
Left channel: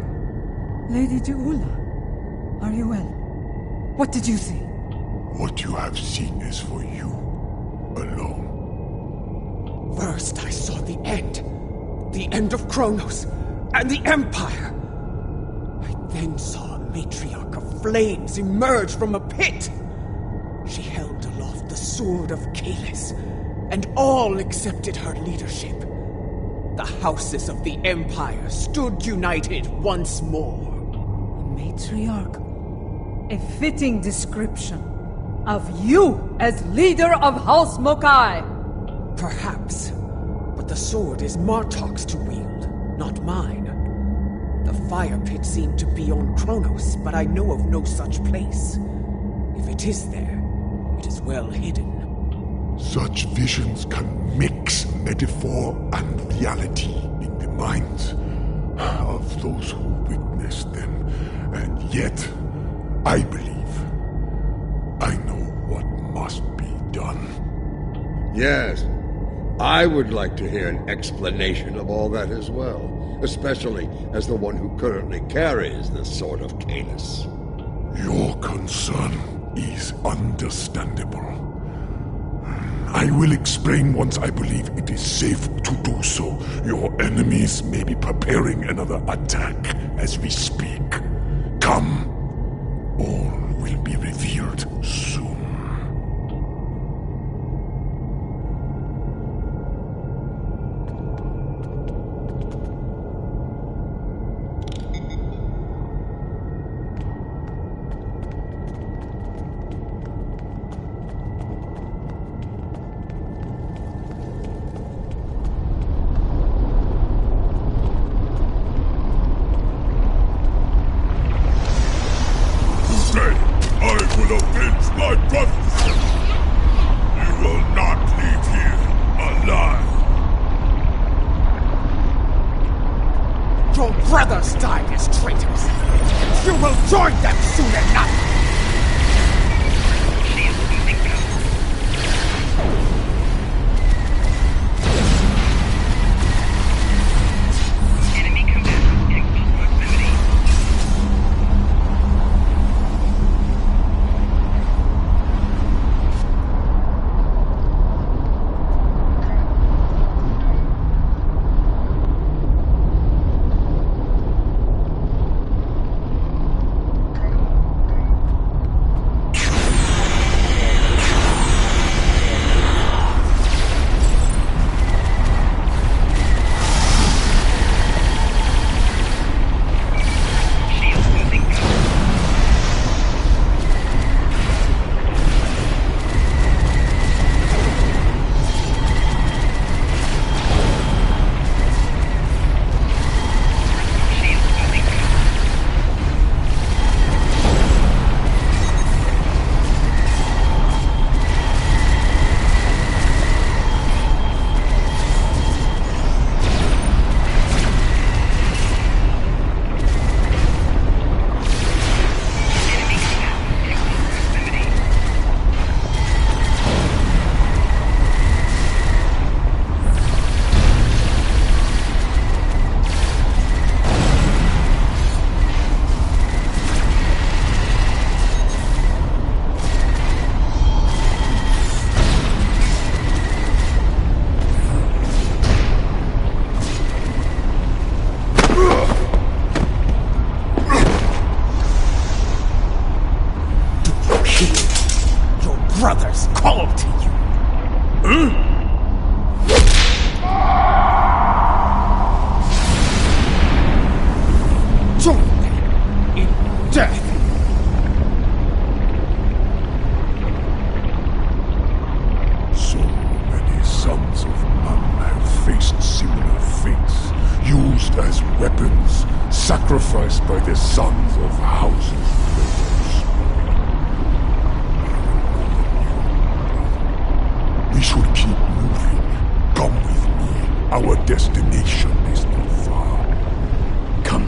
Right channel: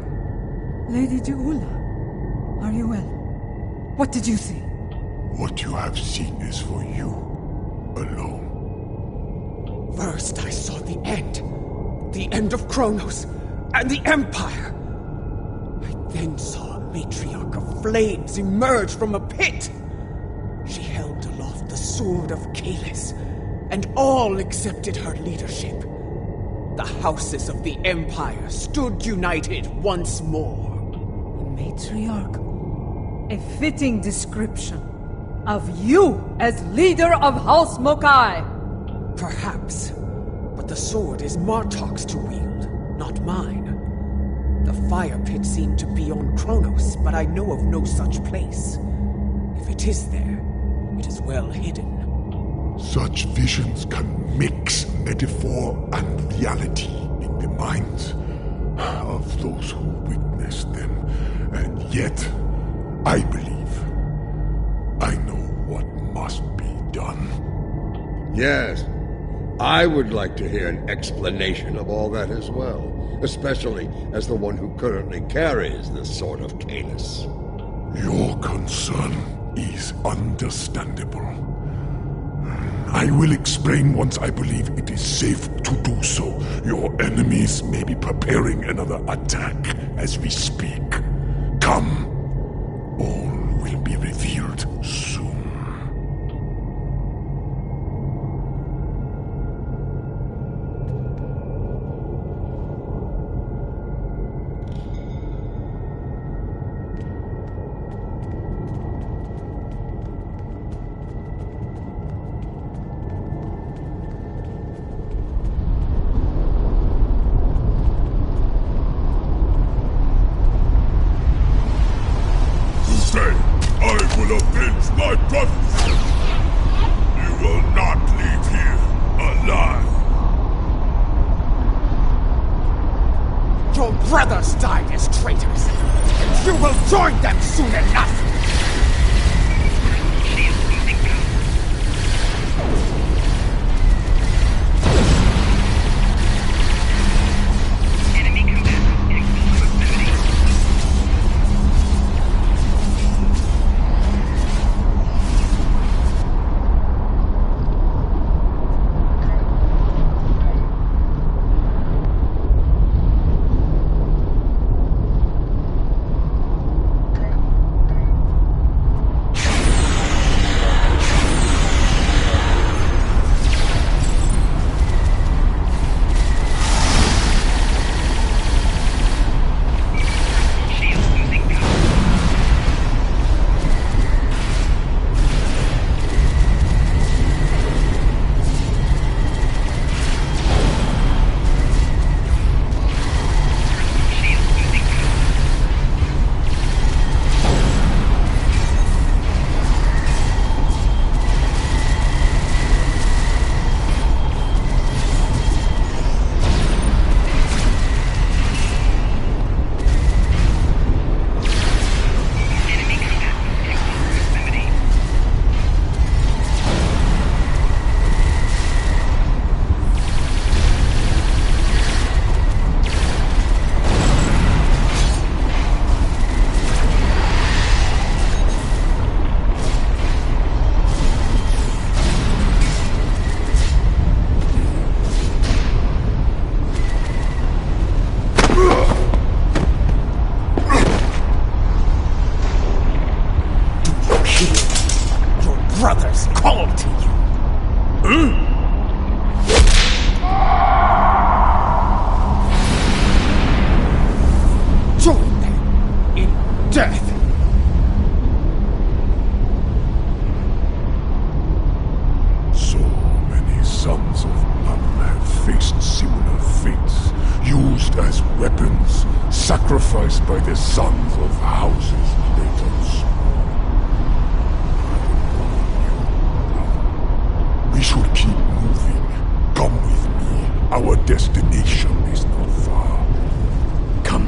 Lady Jaula, are you well? What did you see? What you have seen is for you alone. First I saw the end. The end of Kronos and the Empire. I then saw a matriarch of flames emerge from a pit. She held aloft the sword of Kalis, and all accepted her leadership. The houses of the Empire stood united once more. A matriarch? A fitting description of you as leader of House Mokai. Perhaps, but the sword is Martok's to wield, not mine. The fire pit seemed to be on Kronos, but I know of no such place. If it is there, it is well hidden. Such visions can mix metaphor and reality in the minds of those who witness them. And yet, I believe I know what must be done. Yes, I would like to hear an explanation of all that as well, especially as the one who currently carries the Sword of Kalis. Your concern is understandable. I will explain once I believe it is safe to do so. Your enemies may be preparing another attack as we speak. Come. All will be revealed soon. Sacrificed by the sons of houses great and small. I will warn you, brother. We should keep moving. Come with me. Our destination is not far. Come.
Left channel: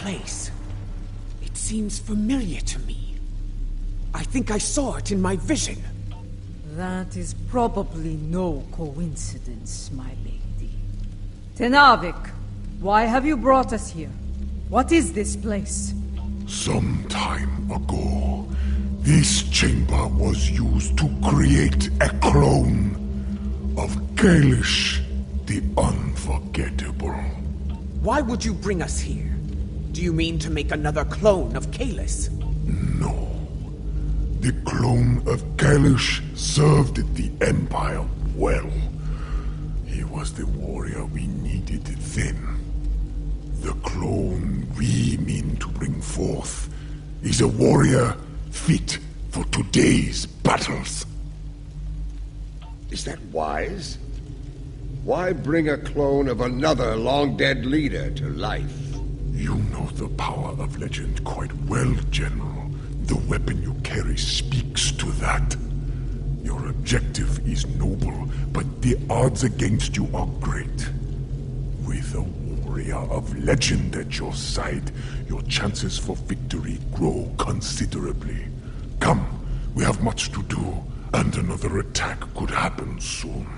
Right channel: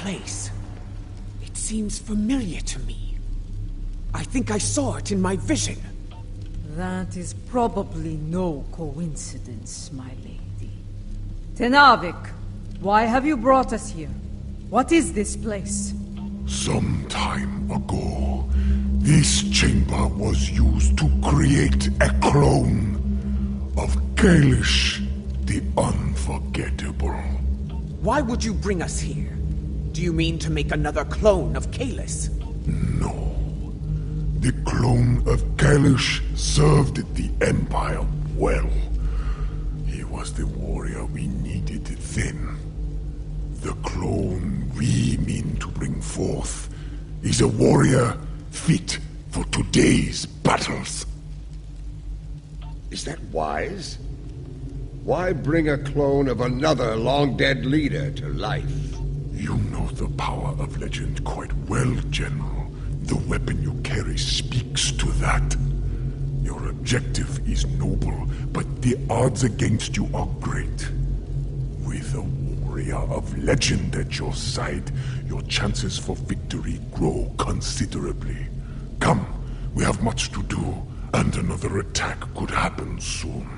place. It seems familiar to me. I think I saw it in my vision. That is probably no coincidence, my lady. Tenavik, why have you brought us here? What is this place? Some time ago, this chamber was used to create a clone of Kalish the Unforgettable. Why would you bring us here? Do you mean to make another clone of Kalis? No. The clone of Kalish served the Empire well. He was the warrior we needed then. The clone we mean to bring forth is a warrior fit for today's battles. Is that wise? Why bring a clone of another long-dead leader to life? You know the power of legend quite well, General. The weapon you carry speaks to that. Your objective is noble, but the odds against you are great. With a warrior of legend at your side, your chances for victory grow considerably. Come, we have much to do, and another attack could happen soon.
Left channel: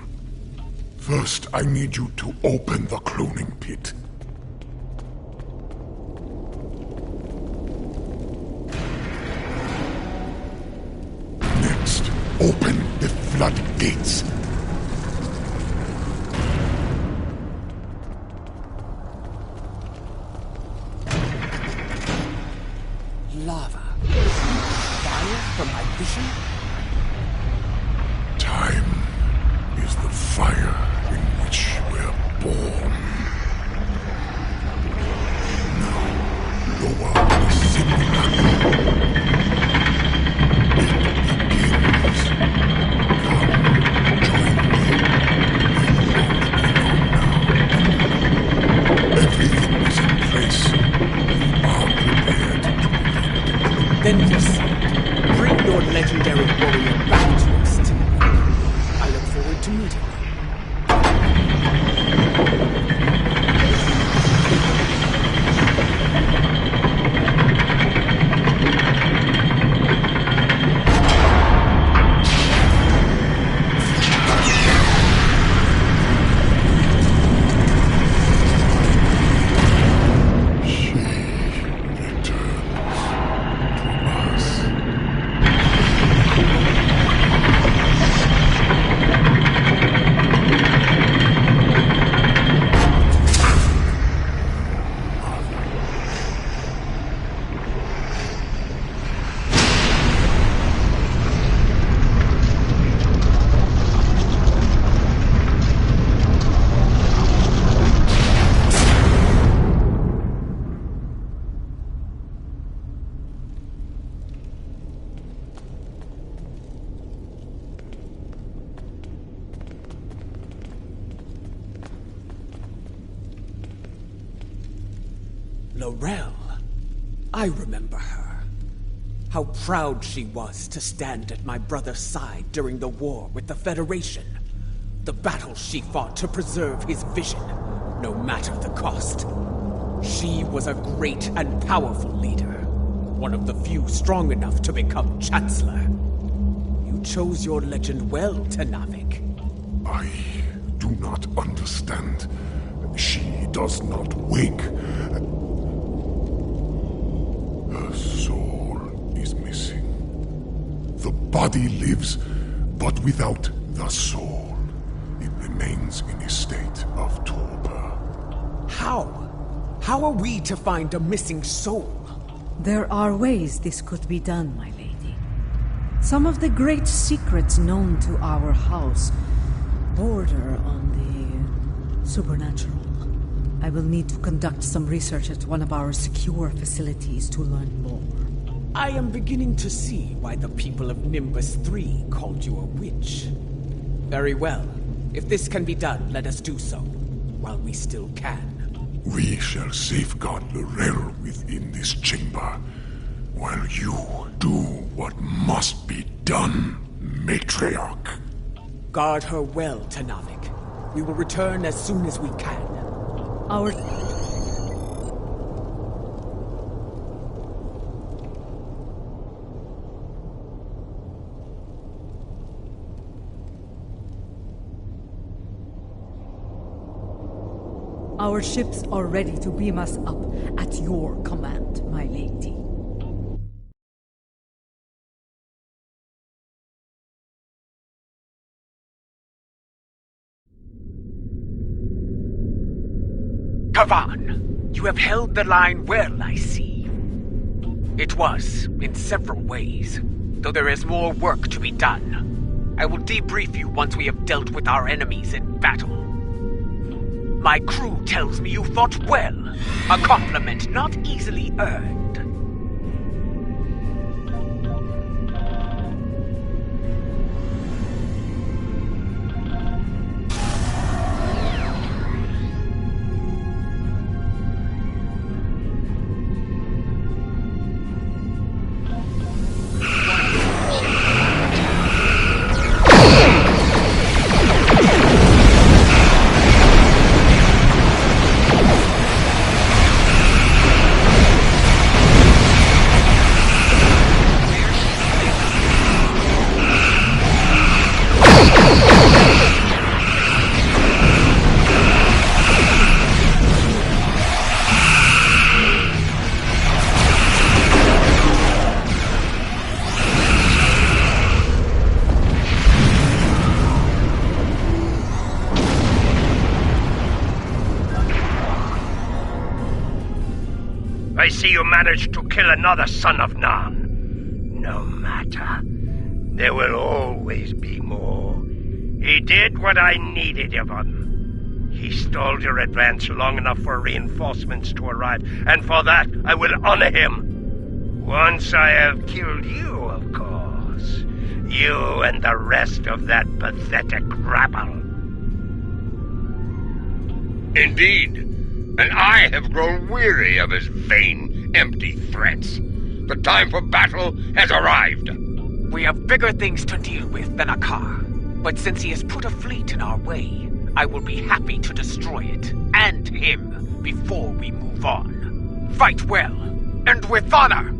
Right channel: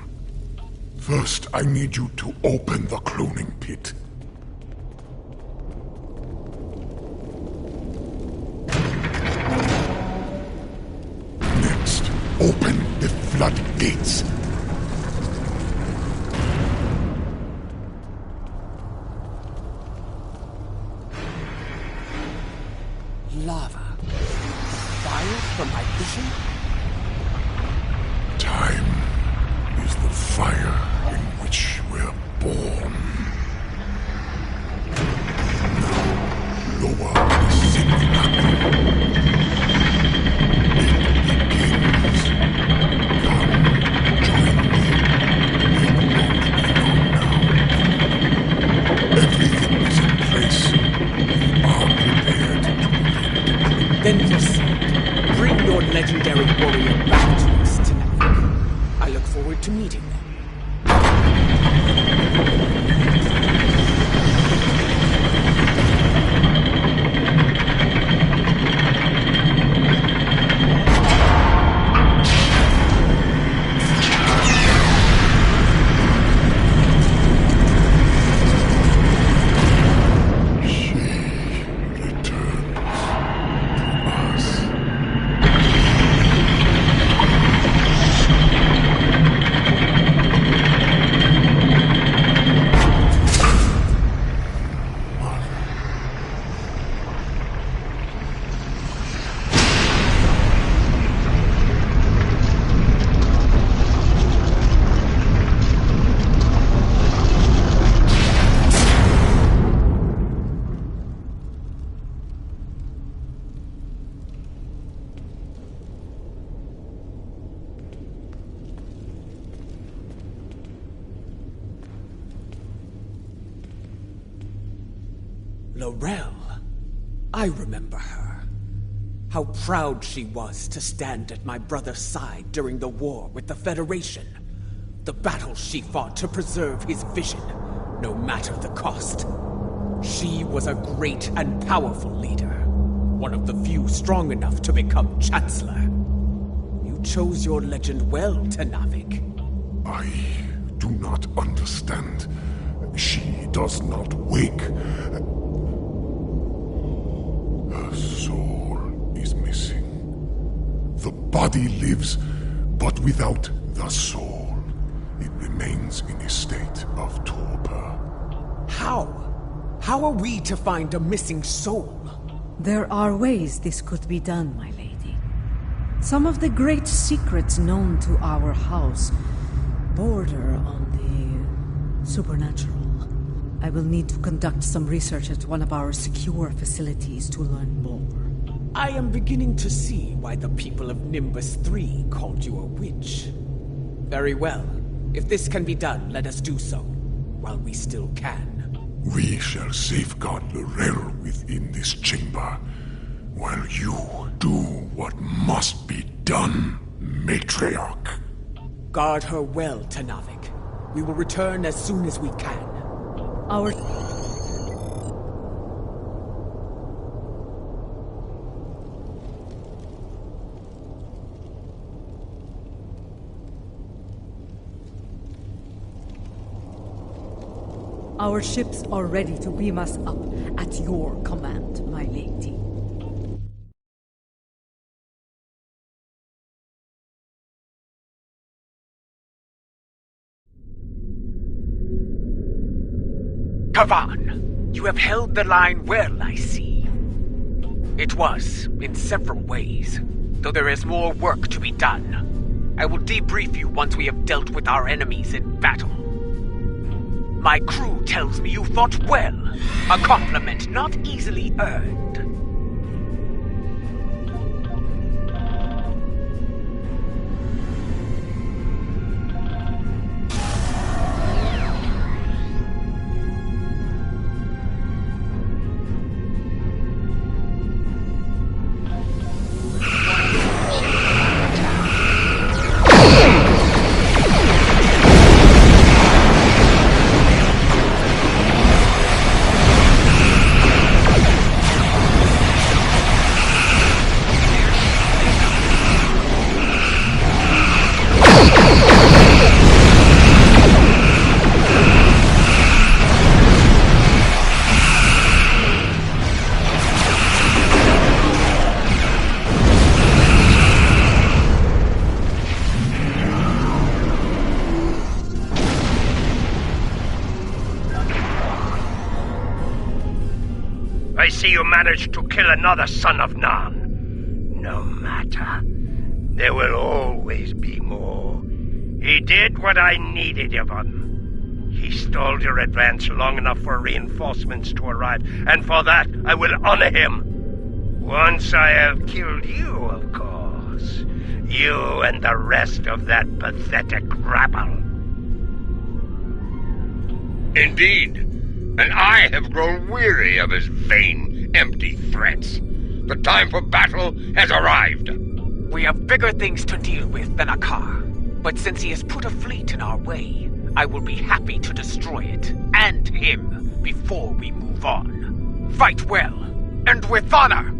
First, I need you to open the cloning pit. Next, open the floodgates. Lava. Fire from my vision? Time is the fire in which we're born. Now, lower the simulacrum. It begins. Come, join me. It won't be long now. Everything is in place. We are prepared to begin. Then proceed. Bring your legendary warrior back to us tonight. I look forward to meeting you. Laurel. I remember her. How proud she was to stand at my brother's side during the war with the Federation. The battles she fought to preserve his vision, no matter the cost. She was a great and powerful leader, one of the few strong enough to become Chancellor. You chose your legend well, Tenavik. I do not understand. She does not wake. Her soul is missing. The body lives, but without the soul. It remains in a state of torpor. How? How are we to find a missing soul? There are ways this could be done, my lady. Some of the great secrets known to our house border on the supernatural. I will need to conduct some research at one of our secure facilities to learn more. I am beginning to see why the people of Nimbus 3 called you a witch. Very well. If this can be done, let us do so, while we still can. We shall safeguard Laurel within this chamber, while you do what must be done, Matriarch. Guard her well, Tenavik. We will return as soon as we can. Our ships are ready to beam us up at your command, my lady. Kavan, you have held the line well, I see. It was, in several ways, though there is more work to be done. I will debrief you once we have dealt with our enemies in battle. My crew tells me you fought well, a compliment not easily earned. I see you managed to kill another son of Nan. No matter. There will always be more. He did what I needed of him. He stalled your advance long enough for reinforcements to arrive, and for that I will honor him. Once I have killed you, of course. You and the rest of that pathetic rabble. Indeed. And I have grown weary of his vain, empty threats. The time for battle has arrived. We have bigger things to deal with than a car. But since he has put a fleet in our way, I will be happy to destroy it, and him, before we move on. Fight well, and with honor!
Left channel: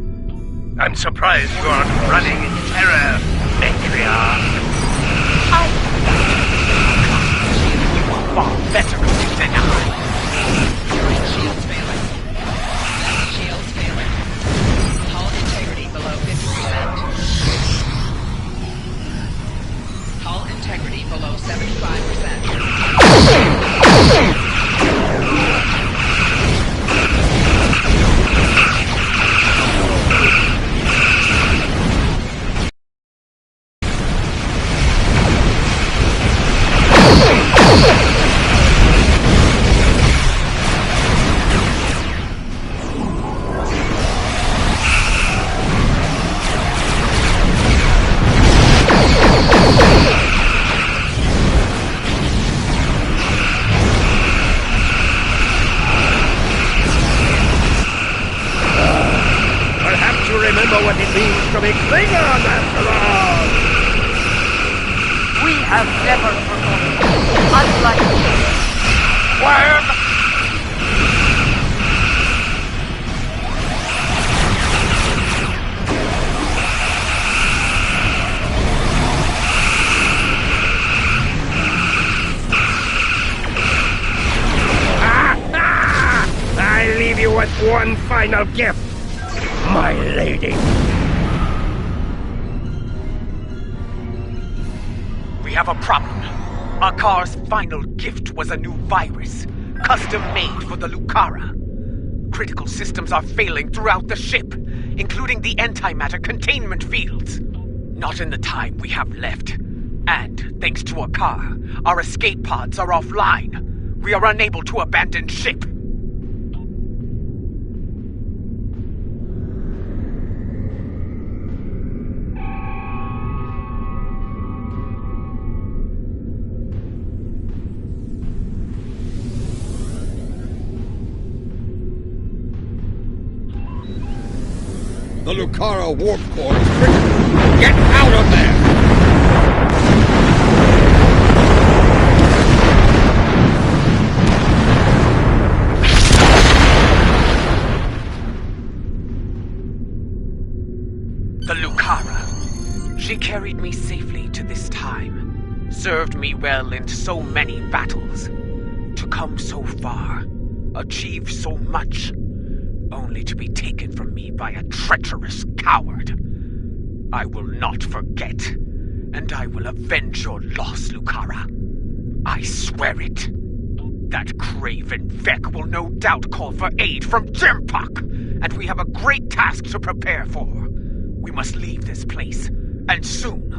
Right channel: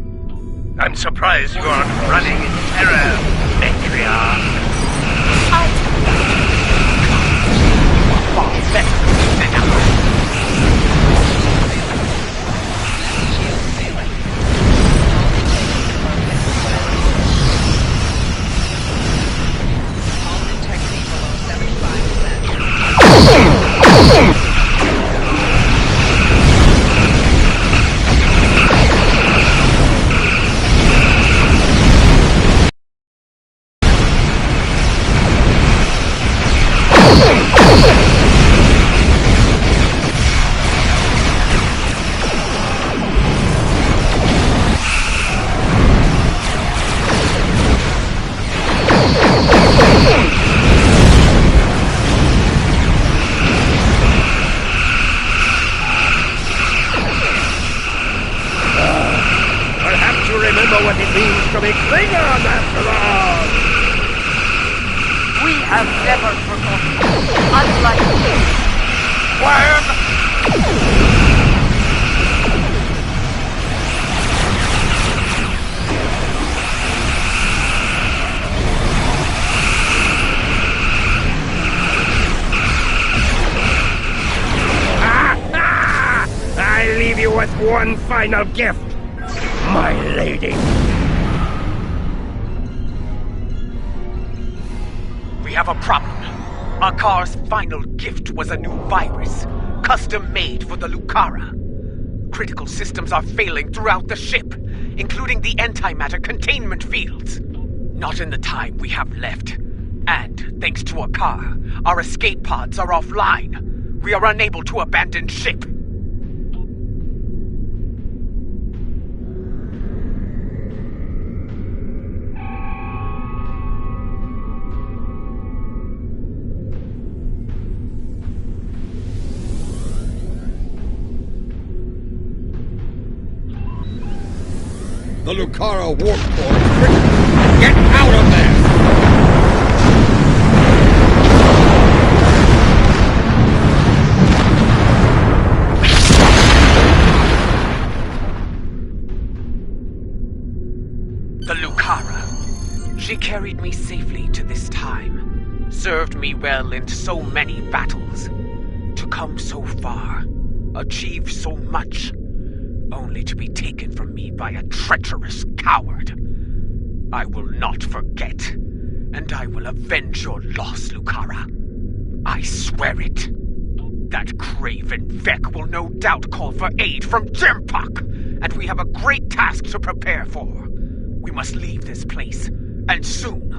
I'm surprised you aren't running in terror, matriarch. You are far better than I. Shields failing. Hull integrity below 50%. Hull integrity below 75%. What it means to be Klingon, after all! We have never forgotten. Unlike you. I leave you with one final gift, my lady. We have a problem. Akar's final gift was a new virus, custom-made for the Lucara. Critical systems are failing throughout the ship, including the antimatter containment fields. Not in the time we have left. And, thanks to Akar, our escape pods are offline. We are unable to abandon ship. The Lucara warp core is triggered. Get out of there! The Lucara. She carried me safely to this time. Served me well in so many battles. To come so far, achieved so much, only to be taken from me by a treacherous coward. I will not forget, and I will avenge your loss, Lucara. I swear it. That craven Vec will no doubt call for aid from Jempok, and we have a great task to prepare for. We must leave this place, and soon.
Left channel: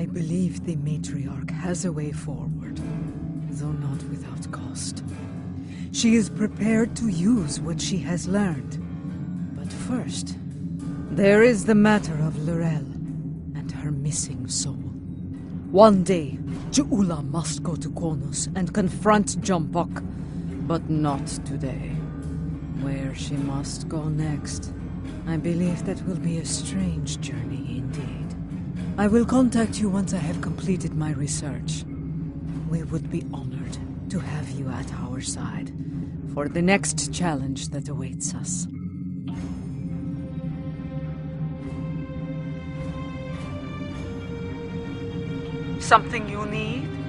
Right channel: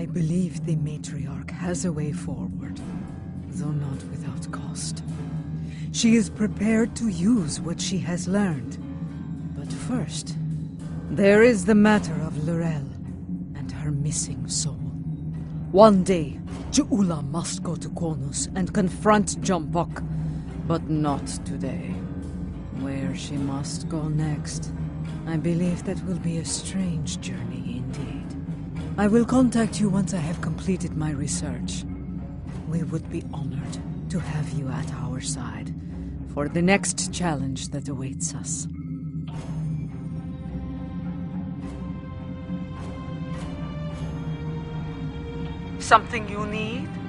I believe the matriarch has a way forward, though not without cost. She is prepared to use what she has learned. But first, there is the matter of Laurel and her missing soul. One day, Ju'ula must go to Qonus and confront Jempok, but not today. Where she must go next, I believe that will be a strange journey indeed. I will contact you once I have completed my research. We would be honored to have you at our side for the next challenge that awaits us. Something you need?